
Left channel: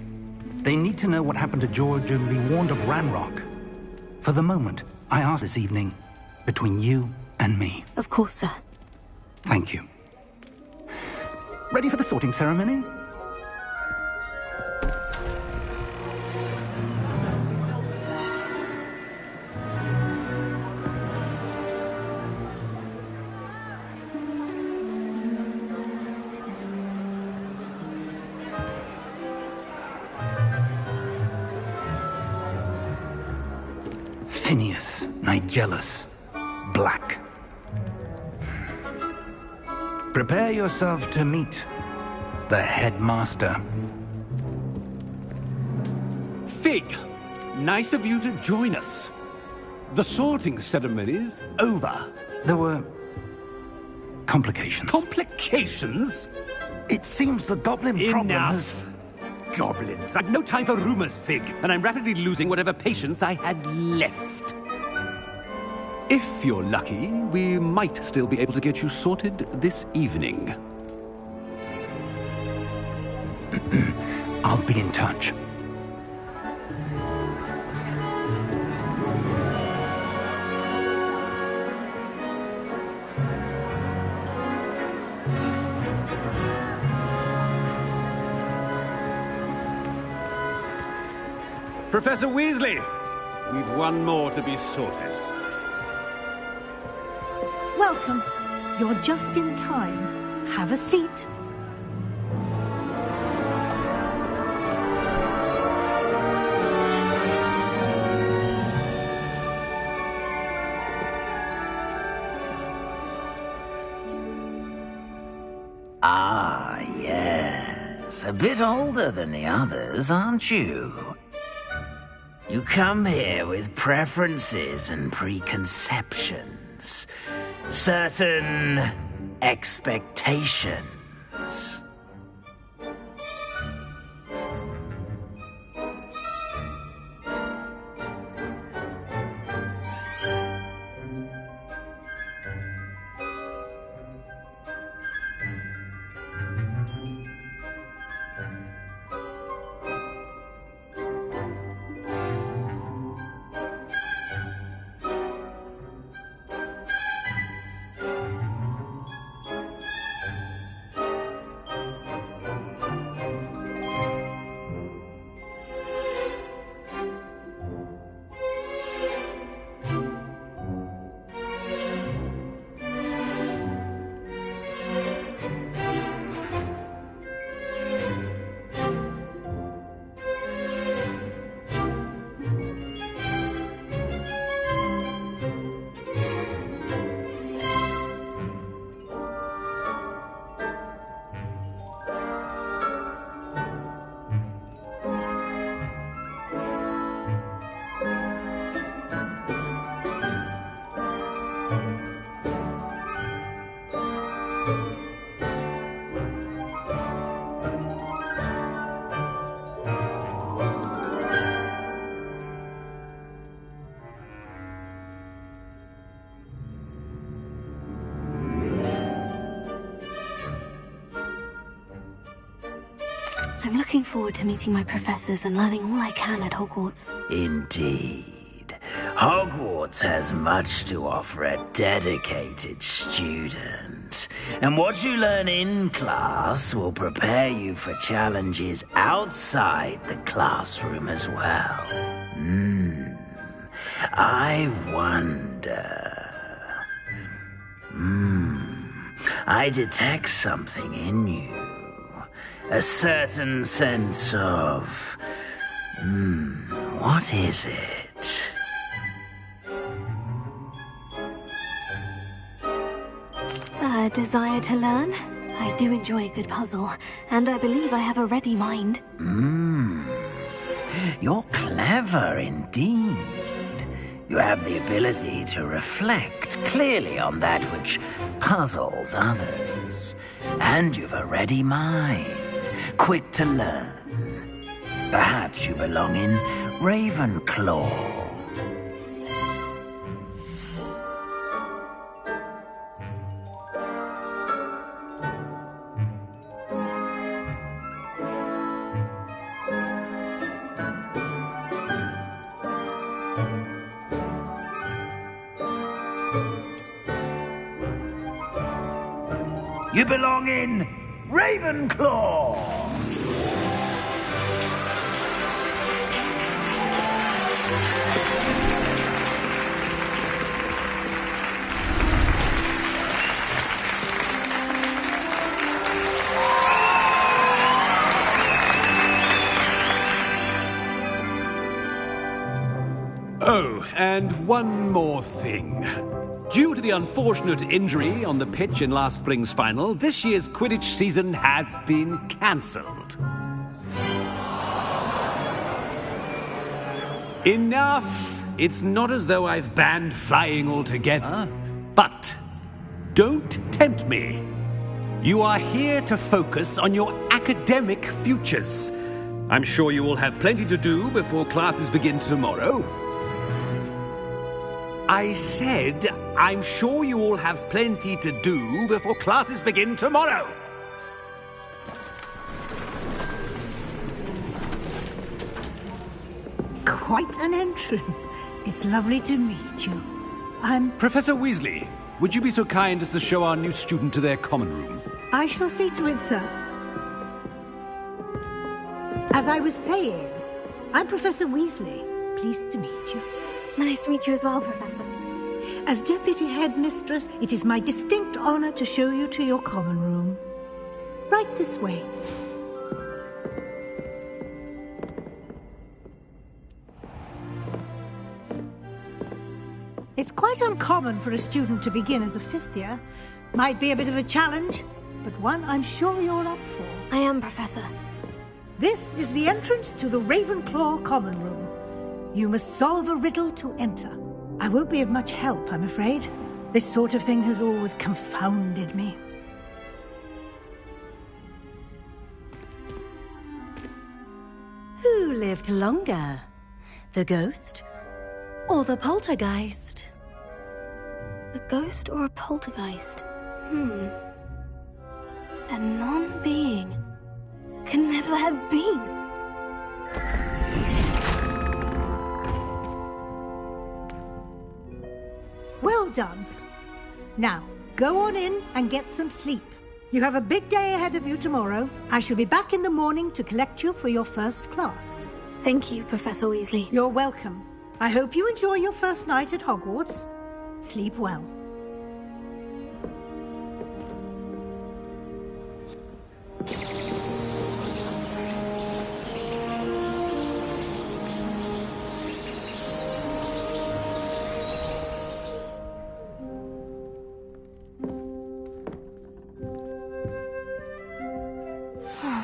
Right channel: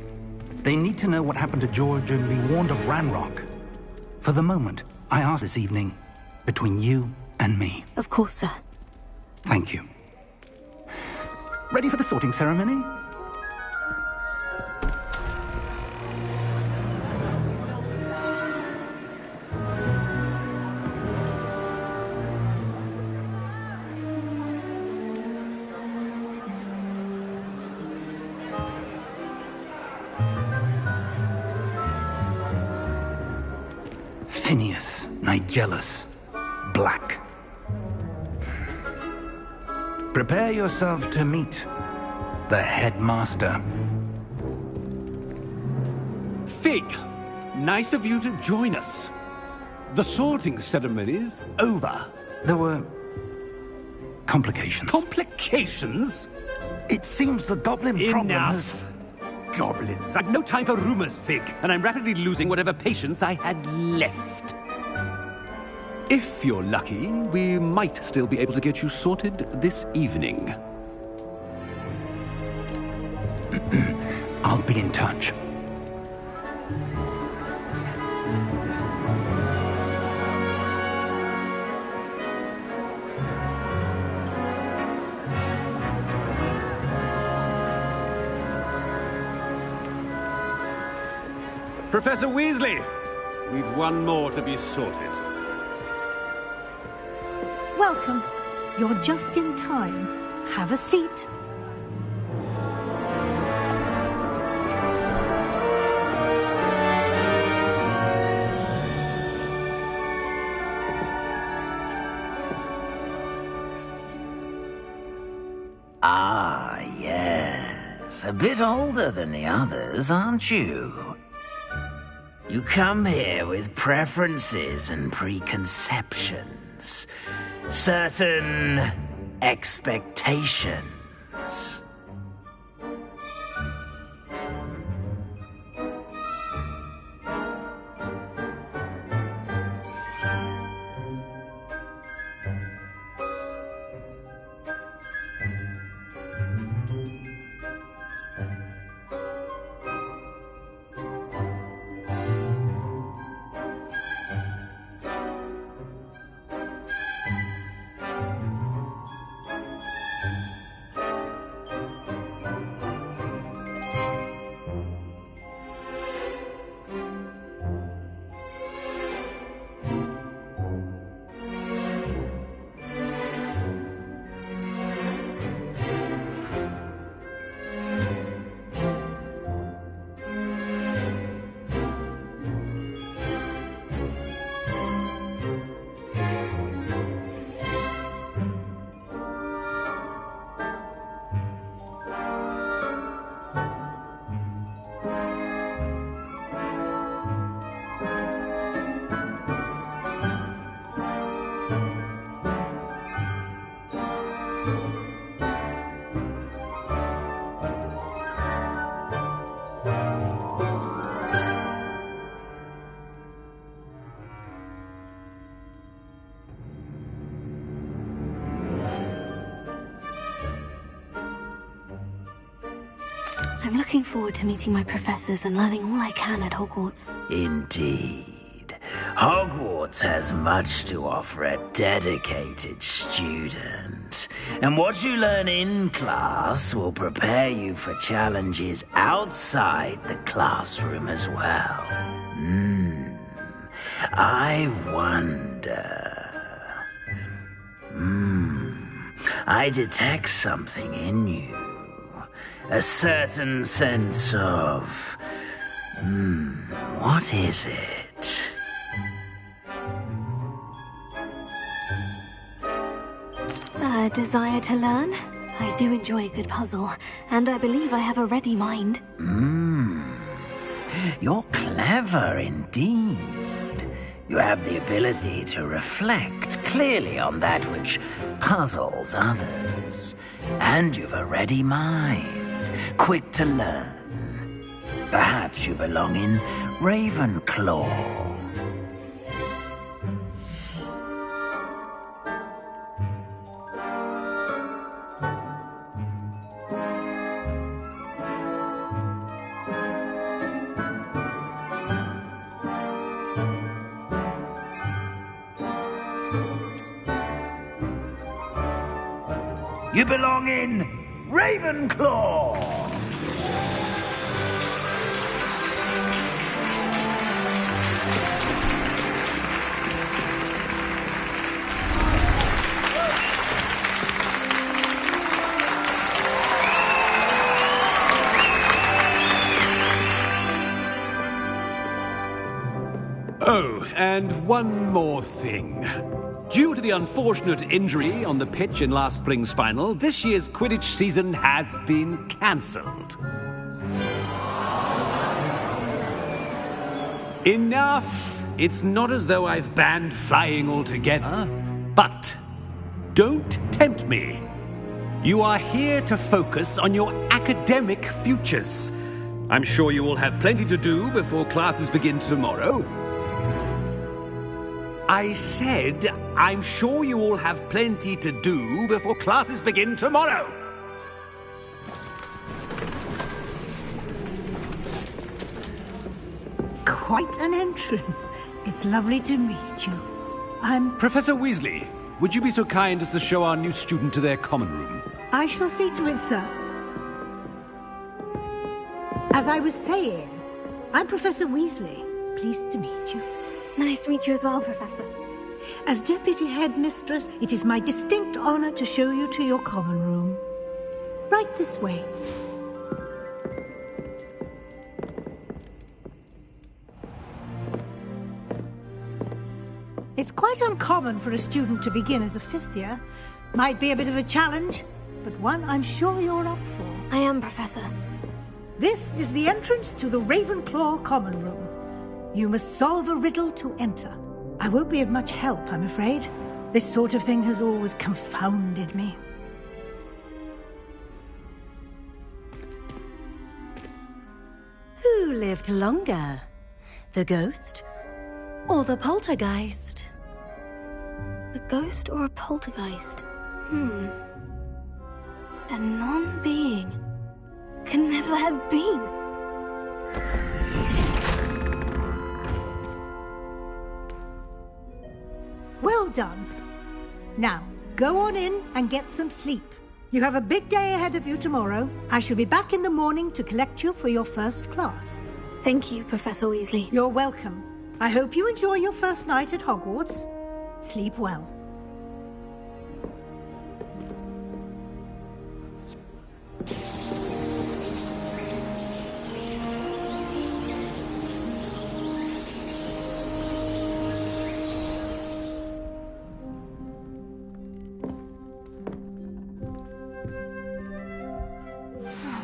They need to know what happened to George and be warned of Ranrock. For the moment, I ask this evening between you and me. Of course, sir. Thank you. Ready for the sorting ceremony? Phineas, Nigellus, Black. Prepare yourself to meet the headmaster. Fig, nice of you to join us. The sorting ceremony's over. There were complications. Complications? It seems the goblin problem has... Enough! Goblins. I've no time for rumors, Fig, and I'm rapidly losing whatever patience I had left. If you're lucky, we might still be able to get you sorted this evening. I'll be in touch. Professor Weasley, we've one more to be sorted. Welcome. You're just in time. Have a seat. Ah, yes. A bit older than the others, aren't you? You come here with preferences and preconceptions. Certain expectations. I'm looking forward to meeting my professors and learning all I can at Hogwarts. Indeed. Hogwarts has much to offer a dedicated student. And what you learn in class will prepare you for challenges outside the classroom as well. I wonder... I detect something in you. A certain sense of... what is it? A desire to learn? I do enjoy a good puzzle, and I believe I have a ready mind. You're clever indeed. You have the ability to reflect clearly on that which puzzles others. And you've a ready mind, quick to learn, Perhaps you belong in Ravenclaw. You belong in Ravenclaw! Oh, and one more thing. Due to the unfortunate injury on the pitch in last spring's final, this year's Quidditch season has been cancelled. Enough! It's not as though I've banned flying altogether, but don't tempt me. You are here to focus on your academic futures. I'm sure you will have plenty to do before classes begin tomorrow. I said, I'm sure you all have plenty to do before classes begin tomorrow. Quite an entrance. It's lovely to meet you. I'm... Professor Weasley, would you be so kind as to show our new student to their common room? I shall see to it, sir. As I was saying, I'm Professor Weasley. Pleased to meet you. Nice to meet you as well, Professor. As Deputy Headmistress, it is my distinct honor to show you to your common room. Right this way. It's quite uncommon for a student to begin as a fifth year. Might be a bit of a challenge, but one I'm sure you're up for. I am, Professor. This is the entrance to the Ravenclaw common room. You must solve a riddle to enter. I won't be of much help, I'm afraid. This sort of thing has always confounded me. Who lived longer? The ghost or the poltergeist? A ghost or a poltergeist? A non-being can never have been. Well done. Now, go on in and get some sleep. You have a big day ahead of you tomorrow. I shall be back in the morning to collect you for your first class. Thank you, Professor Weasley. You're welcome. I hope you enjoy your first night at Hogwarts. Sleep well.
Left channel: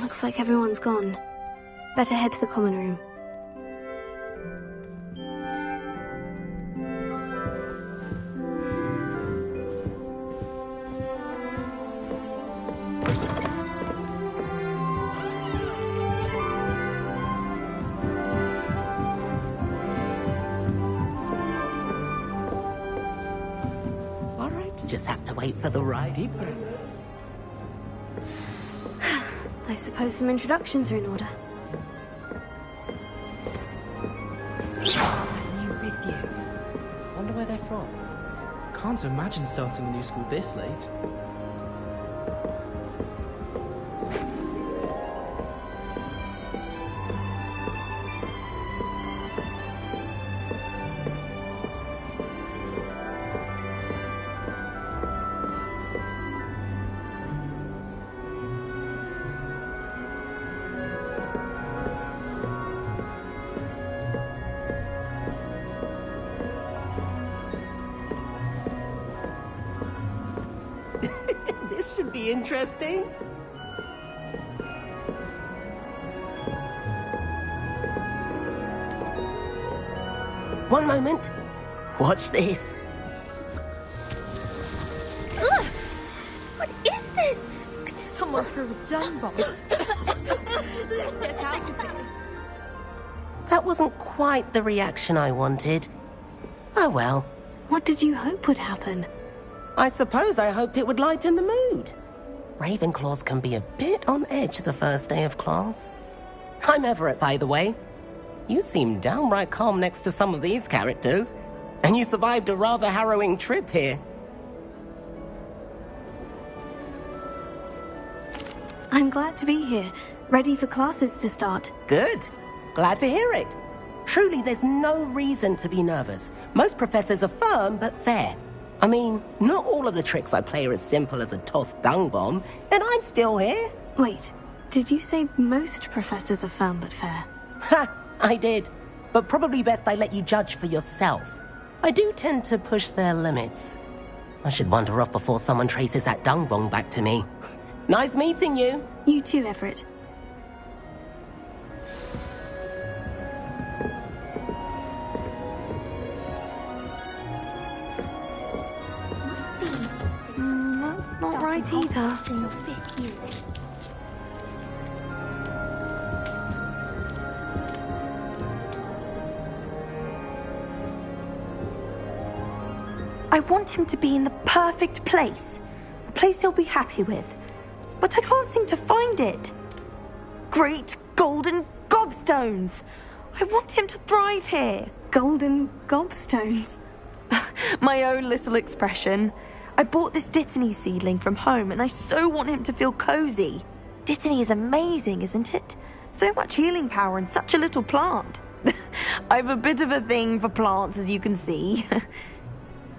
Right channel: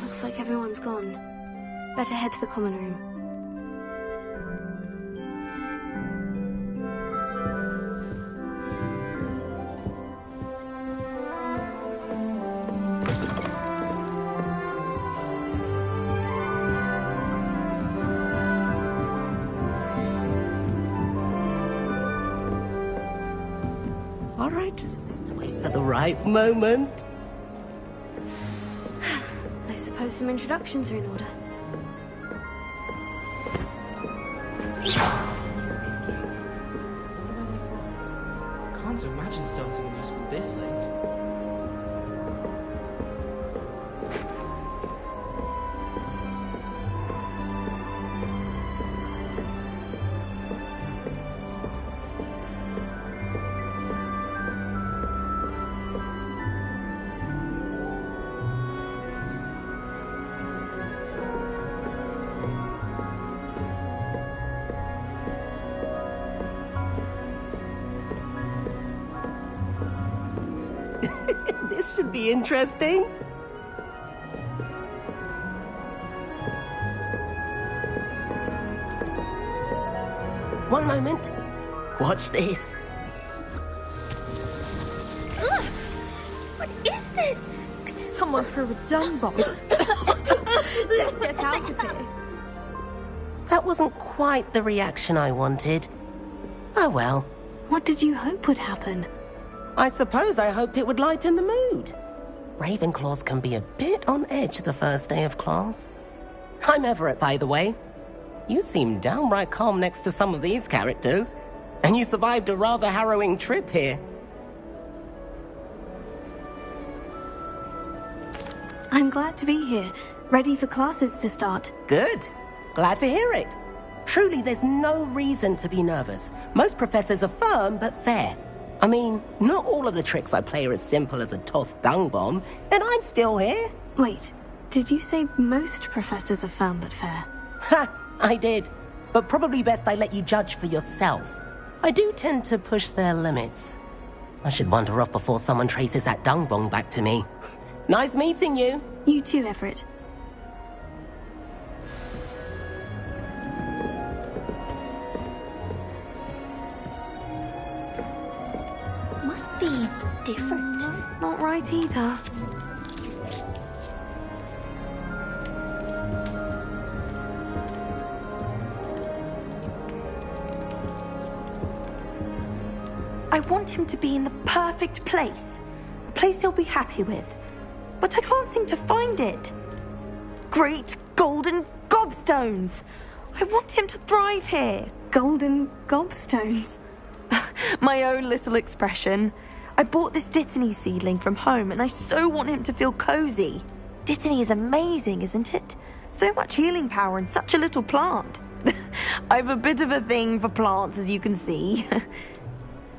Looks like everyone's gone. Better head to the common room. All right, just have to wait for the right moment. I suppose some introductions are in order. New with you. Wonder where they're from. Can't imagine starting a new school this late. This should be interesting. One moment. Watch this. Ugh! What is this? Someone threw a dung bomb. Let's get out of here. That wasn't quite the reaction I wanted. Oh well. What did you hope would happen? I suppose I hoped it would lighten the mood. Ravenclaws can be a bit on edge the first day of class. I'm Everett, by the way. You seem downright calm next to some of these characters, and you survived a rather harrowing trip here. I'm glad to be here, ready for classes to start. Good. Glad to hear it. Truly, there's no reason to be nervous. Most professors are firm but fair. I mean, not all of the tricks I play are as simple as a tossed dung bomb, and I'm still here. Wait, did you say most professors are firm but fair? Ha! I did. But probably best I let you judge for yourself. I do tend to push their limits. I should wander off before someone traces that dung bomb back to me. Nice meeting you. You too, Everett. Must be different. That's not right either. I want him to be in the perfect place. A place he'll be happy with. But I can't seem to find it. Great golden gobstones! I want him to thrive here. Golden gobstones? My own little expression. I bought this Dittany seedling from home and I so want him to feel cozy. Dittany is amazing, isn't it? So much healing power in such a little plant. I've a bit of a thing for plants, as you can see.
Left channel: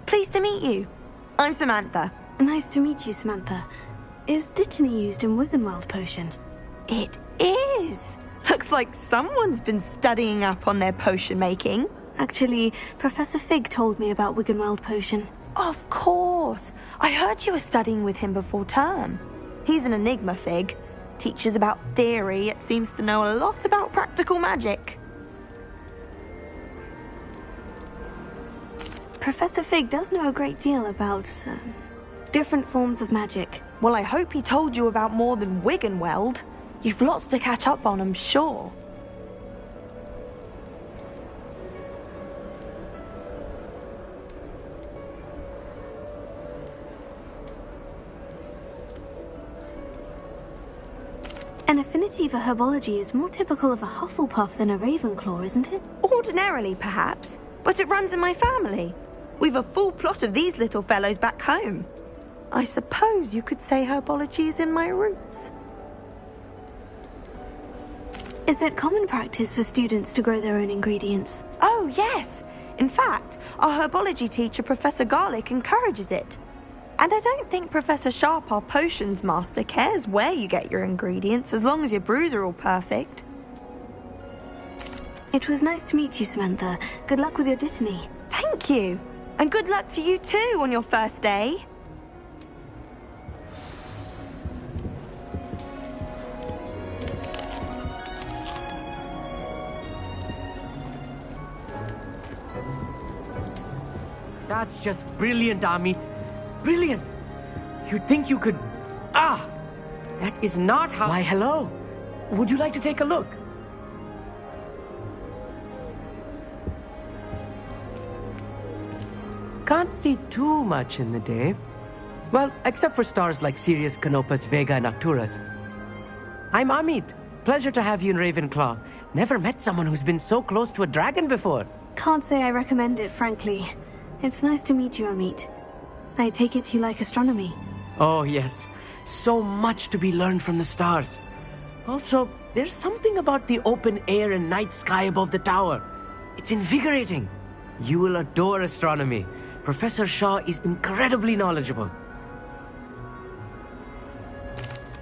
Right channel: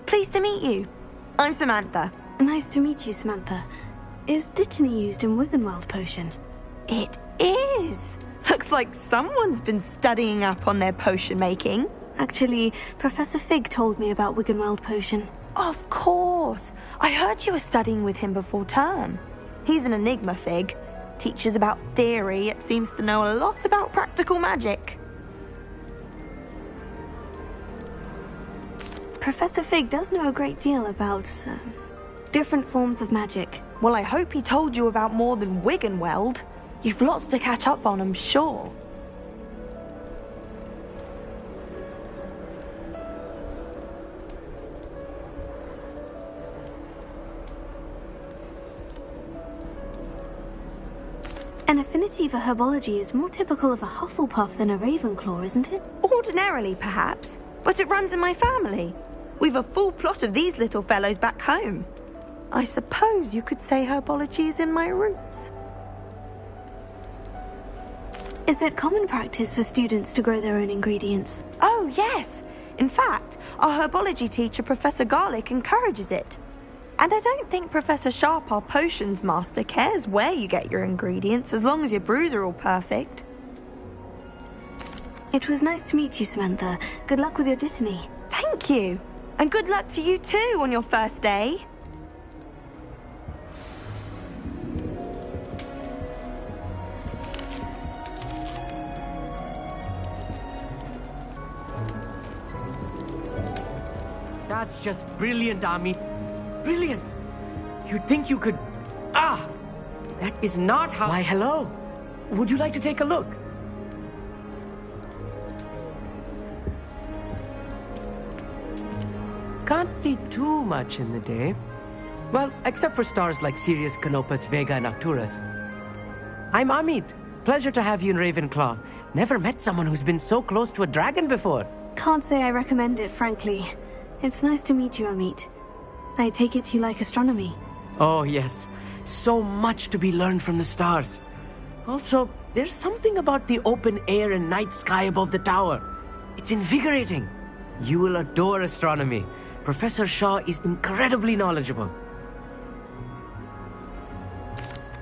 Pleased to meet you. I'm Samantha. Nice to meet you, Samantha. Is Dittany used in Wiggenweld potion? It is. Looks like someone's been studying up on their potion making. Actually, Professor Fig told me about Wiggenweld potion. Of course. I heard you were studying with him before term. He's an enigma, Fig. Teaches about theory, yet seems to know a lot about practical magic. Professor Fig does know a great deal about different forms of magic. Well, I hope he told you about more than Wiggenweld. You've lots to catch up on, I'm sure. An affinity for herbology is more typical of a Hufflepuff than a Ravenclaw, isn't it? Ordinarily, perhaps, but it runs in my family. We've a full plot of these little fellows back home. I suppose you could say herbology is in my roots. Is it common practice for students to grow their own ingredients? Oh, yes. In fact, our herbology teacher, Professor Garlick, encourages it. And I don't think Professor Sharp, our potions master, cares where you get your ingredients, as long as your brews are all perfect. It was nice to meet you, Samantha. Good luck with your Dittany. Thank you. And good luck to you too on your first day. That's just brilliant, Amit. Brilliant! You'd think you could... Ah! That is not how... Why, hello. Would you like to take a look? Can't see too much in the day. Well, except for stars like Sirius, Canopus, Vega, and Arcturus. I'm Amit. Pleasure to have you in Ravenclaw. Never met someone who's been so close to a dragon before. Can't say I recommend it, frankly. It's nice to meet you, Amit. I take it you like astronomy. Oh, yes. So much to be learned from the stars. Also, there's something about the open air and night sky above the tower. It's invigorating. You will adore astronomy. Professor Shaw is incredibly knowledgeable.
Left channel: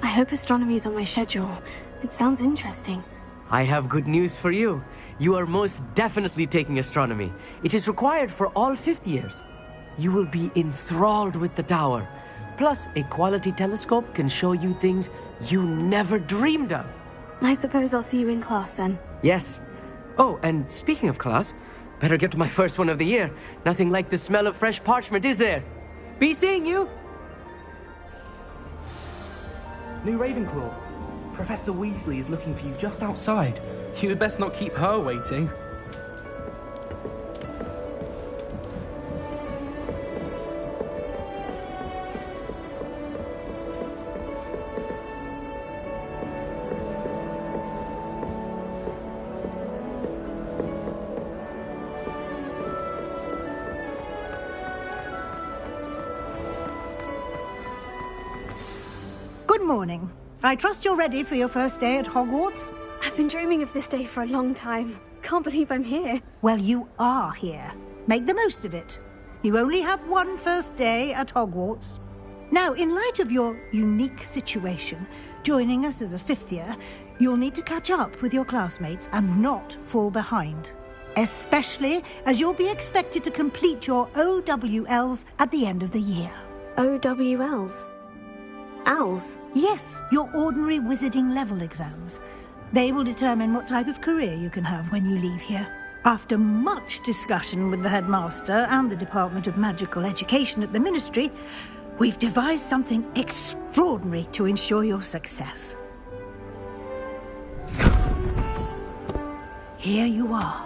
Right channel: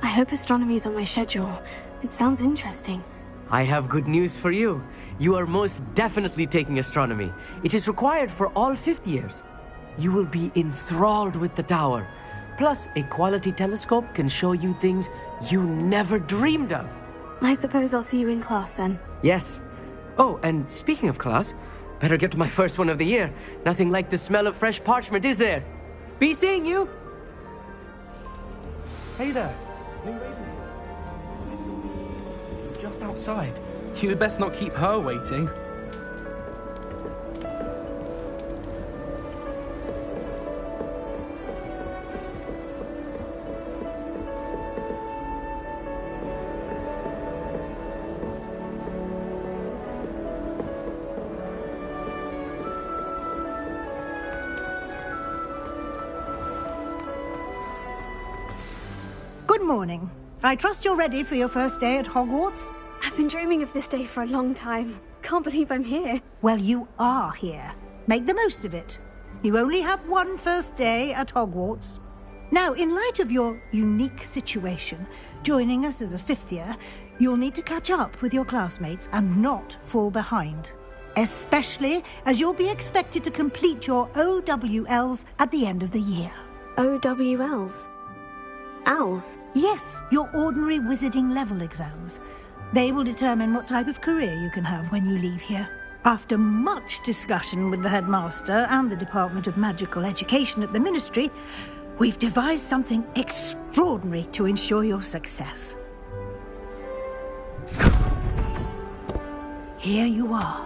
I hope astronomy's on my schedule. It sounds interesting. I have good news for you. You are most definitely taking astronomy. It is required for all 5th years. You will be enthralled with the tower. Plus, a quality telescope can show you things you never dreamed of. I suppose I'll see you in class then. Yes. Oh, and speaking of class, better get to my first one of the year. Nothing like the smell of fresh parchment, is there? Be seeing you! Hey there, new Ravenclaw. Professor Weasley is looking for you just outside. You'd best not keep her waiting. Good morning. I trust you're ready for your first day at Hogwarts? I've been dreaming of this day for a long time. Can't believe I'm here. Well, you are here. Make the most of it. You only have one first day at Hogwarts. Now, in light of your unique situation, joining us as a fifth year, you'll need to catch up with your classmates and not fall behind. Especially as you'll be expected to complete your OWLs at the end of the year. OWLs? Owls? Yes, your ordinary wizarding level exams. They will determine what type of career you can have when you leave here. After much discussion with the headmaster and the Department of Magical Education at the Ministry, we've devised something extraordinary to ensure your success. Here you are.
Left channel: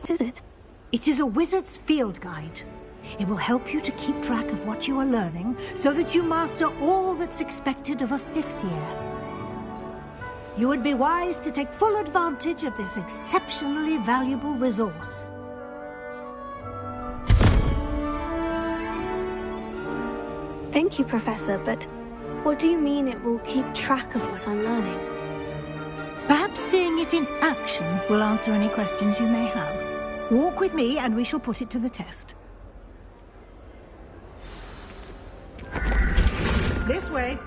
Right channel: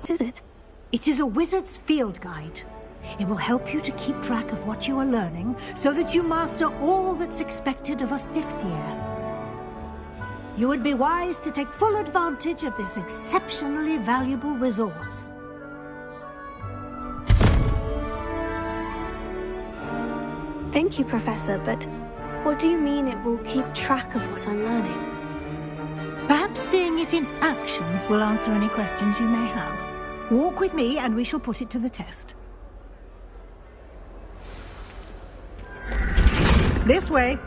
What is it? It is a wizard's field guide. It will help you to keep track of what you are learning so that you master all that's expected of a fifth year. You would be wise to take full advantage of this exceptionally valuable resource. Thank you, Professor, but what do you mean it will keep track of what I'm learning? Perhaps seeing it in action will answer any questions you may have. Walk with me and we shall put it to the test. This way.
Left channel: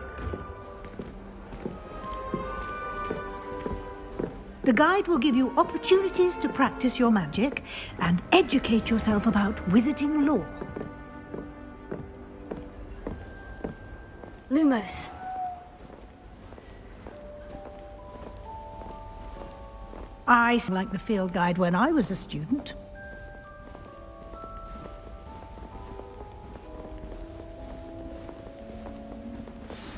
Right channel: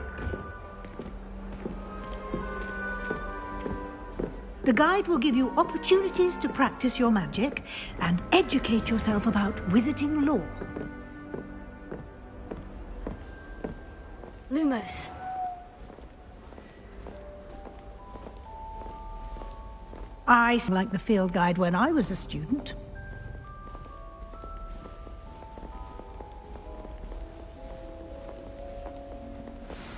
The guide will give you opportunities to practice your magic and educate yourself about wizarding lore. Lumos. I liked the field guide when I was a student.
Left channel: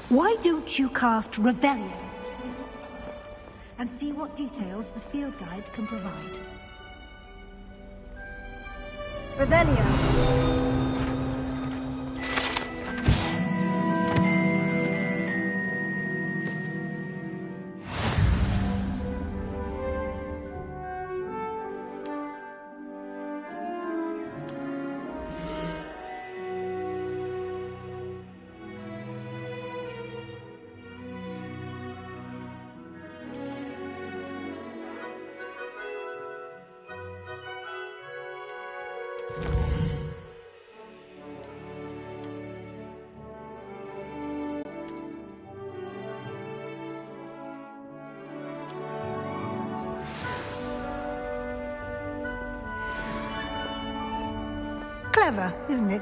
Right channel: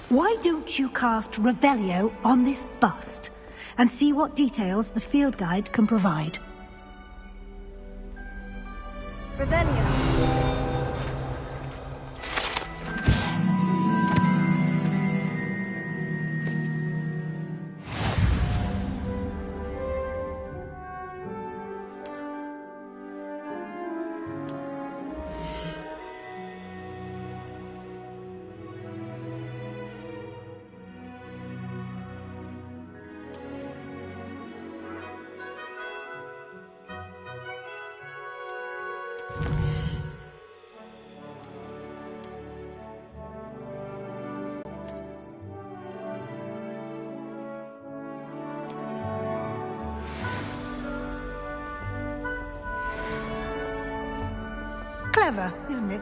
Why don't you cast Revelio on this bust and see what details the field guide can provide? Revelio. Clever, isn't it?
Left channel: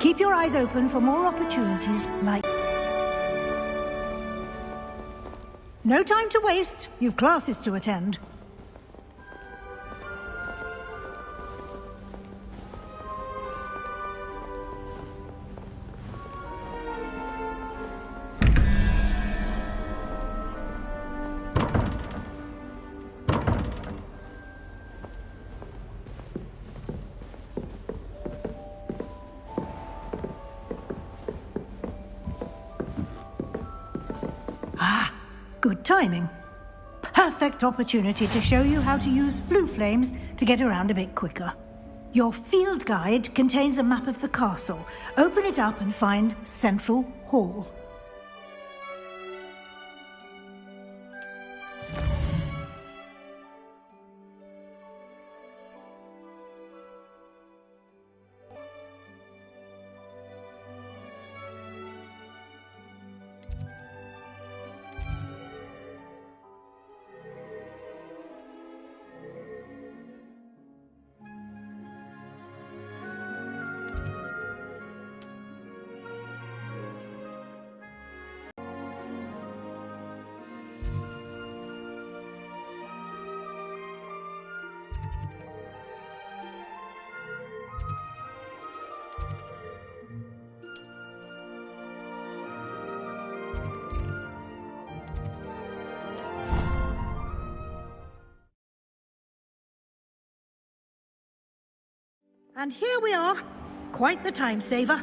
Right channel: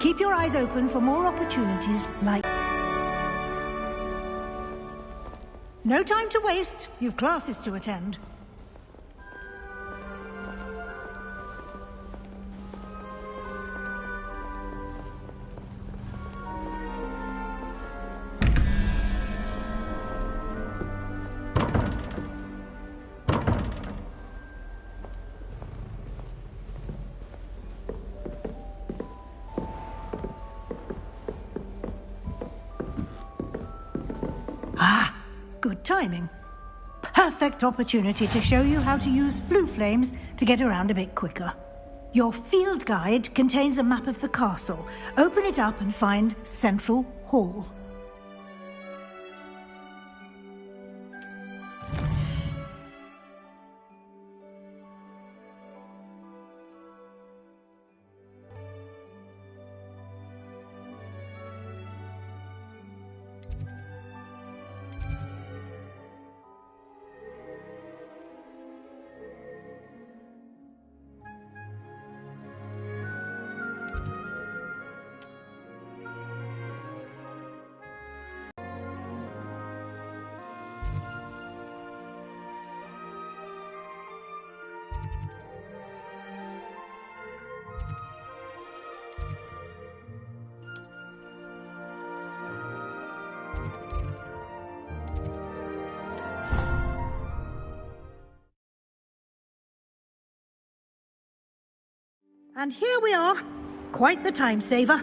Keep your eyes open for more opportunities like... No time to waste. You've classes to attend. Good timing. Perfect opportunity to show you how to use flue flames to get around a bit quicker. Your field guide contains a map of the castle. Open it up and find Central Hall. And here we are. Quite the time saver.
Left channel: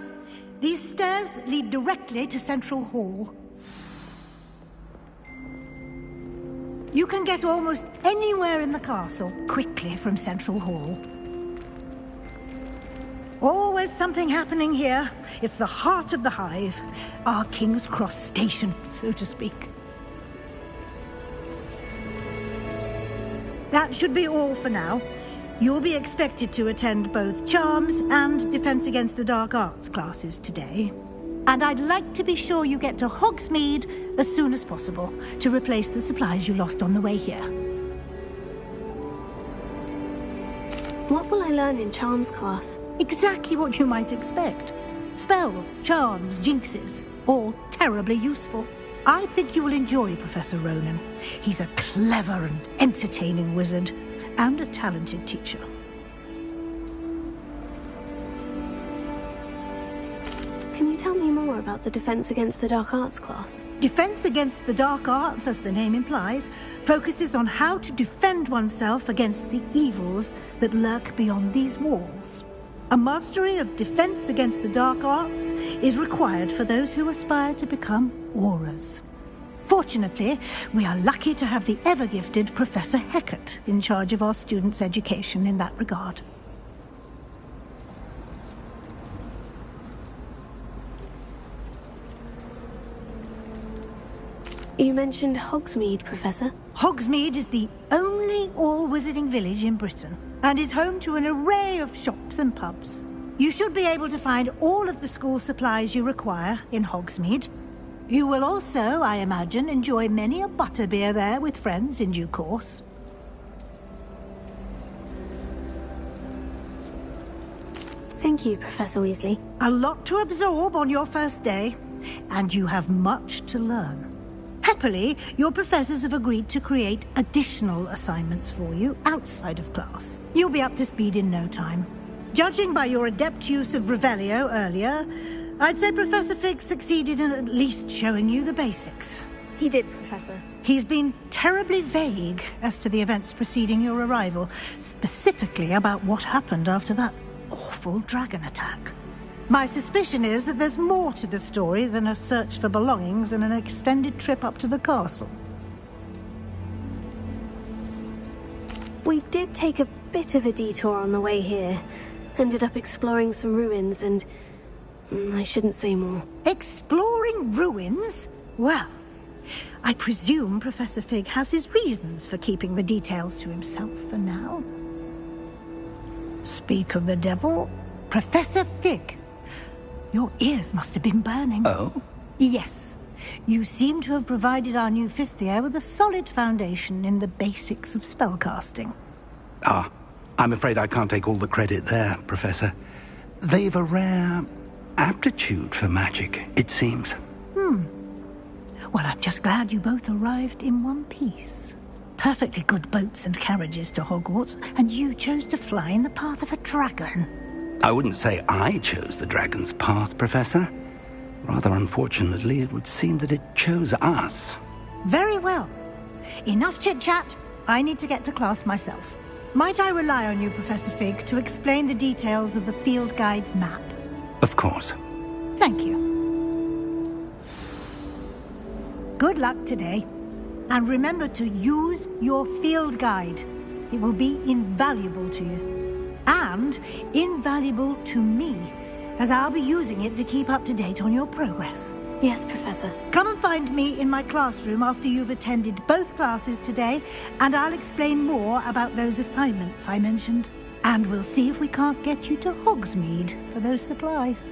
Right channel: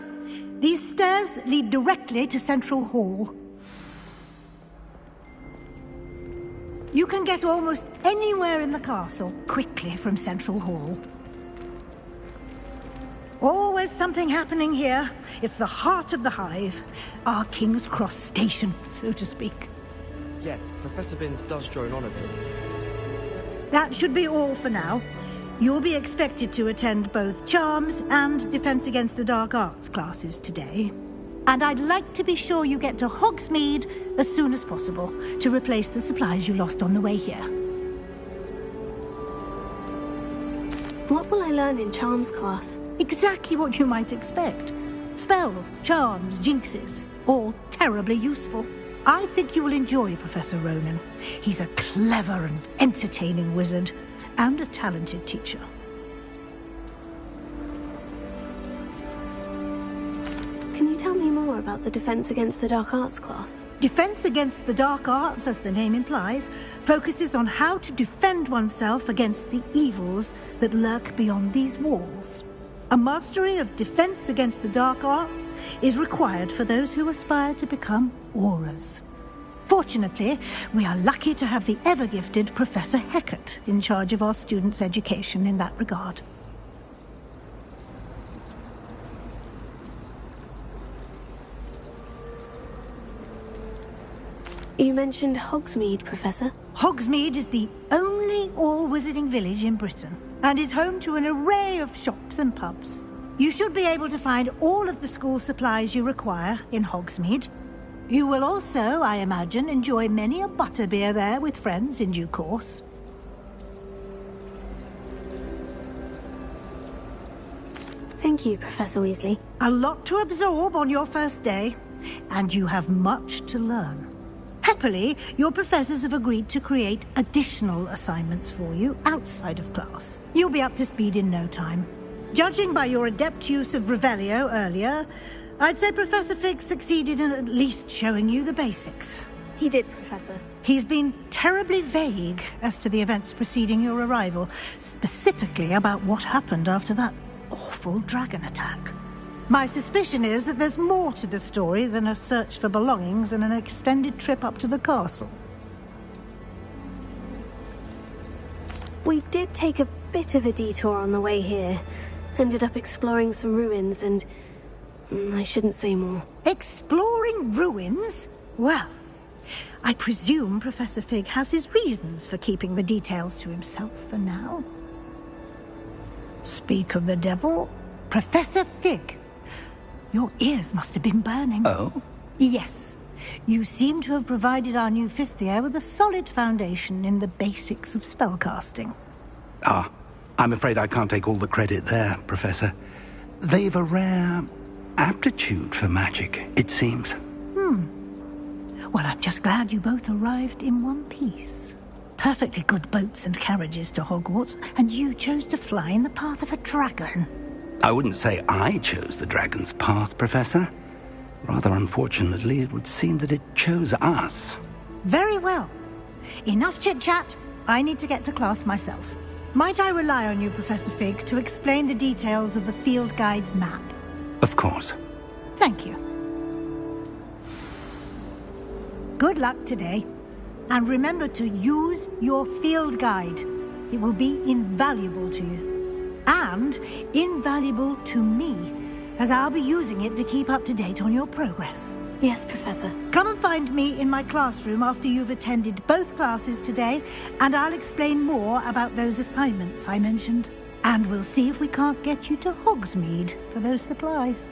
These stairs lead directly to Central Hall. You can get almost anywhere in the castle quickly from Central Hall. Always something happening here. It's the heart of the hive. Our King's Cross station, so to speak. Yes, Professor Binns does join on That should be all for now. You'll be expected to attend both Charms and Defense Against the Dark Arts classes today. And I'd like to be sure you get to Hogsmeade as soon as possible to replace the supplies you lost on the way here. What will I learn in Charms class? Exactly what you might expect. Spells, charms, jinxes, all terribly useful. I think you will enjoy Professor Ronan. He's a clever and entertaining wizard, and a talented teacher. Can you tell me more about the Defense Against the Dark Arts class? Defense Against the Dark Arts, as the name implies, focuses on how to defend oneself against the evils that lurk beyond these walls. A mastery of Defense Against the Dark Arts is required for those who aspire to become Aurors. Fortunately, we are lucky to have the ever-gifted Professor Hecat in charge of our students' education in that regard. You mentioned Hogsmeade, Professor. Hogsmeade is the only all-wizarding village in Britain, and is home to an array of shops and pubs. You should be able to find all of the school supplies you require in Hogsmeade. You will also, I imagine, enjoy many a butterbeer there with friends in due course. Thank you, Professor Weasley. A lot to absorb on your first day, and you have much to learn. Happily, your professors have agreed to create additional assignments for you outside of class. You'll be up to speed in no time. Judging by your adept use of Revelio earlier, I'd say Professor Fig succeeded in at least showing you the basics. He did, Professor. He's been terribly vague as to the events preceding your arrival, specifically about what happened after that awful dragon attack. My suspicion is that there's more to the story than a search for belongings and an extended trip up to the castle. We did take a bit of a detour on the way here. Ended up exploring some ruins and... I shouldn't say more. Exploring ruins? Well, I presume Professor Fig has his reasons for keeping the details to himself for now. Speak of the devil, Professor Fig. Your ears must have been burning. Oh? Yes. You seem to have provided our new fifth year with a solid foundation in the basics of spellcasting. Ah, I'm afraid I can't take all the credit there, Professor. They've a rare aptitude for magic, it seems. Well, I'm just glad you both arrived in one piece. Perfectly good boats and carriages to Hogwarts, and you chose to fly in the path of a dragon. I wouldn't say I chose the dragon's path, Professor. Rather unfortunately, it would seem that it chose us. Very well. Enough chit-chat. I need to get to class myself. Might I rely on you, Professor Fig, to explain the details of the field guide's map? Of course. Thank you. Good luck today. And remember to use your field guide. It will be invaluable to you. And invaluable to me, as I'll be using it to keep up to date on your progress. Yes, Professor. Come and find me in my classroom after you've attended both classes today, and I'll explain more about those assignments I mentioned. And we'll see if we can't get you to Hogsmeade for those supplies.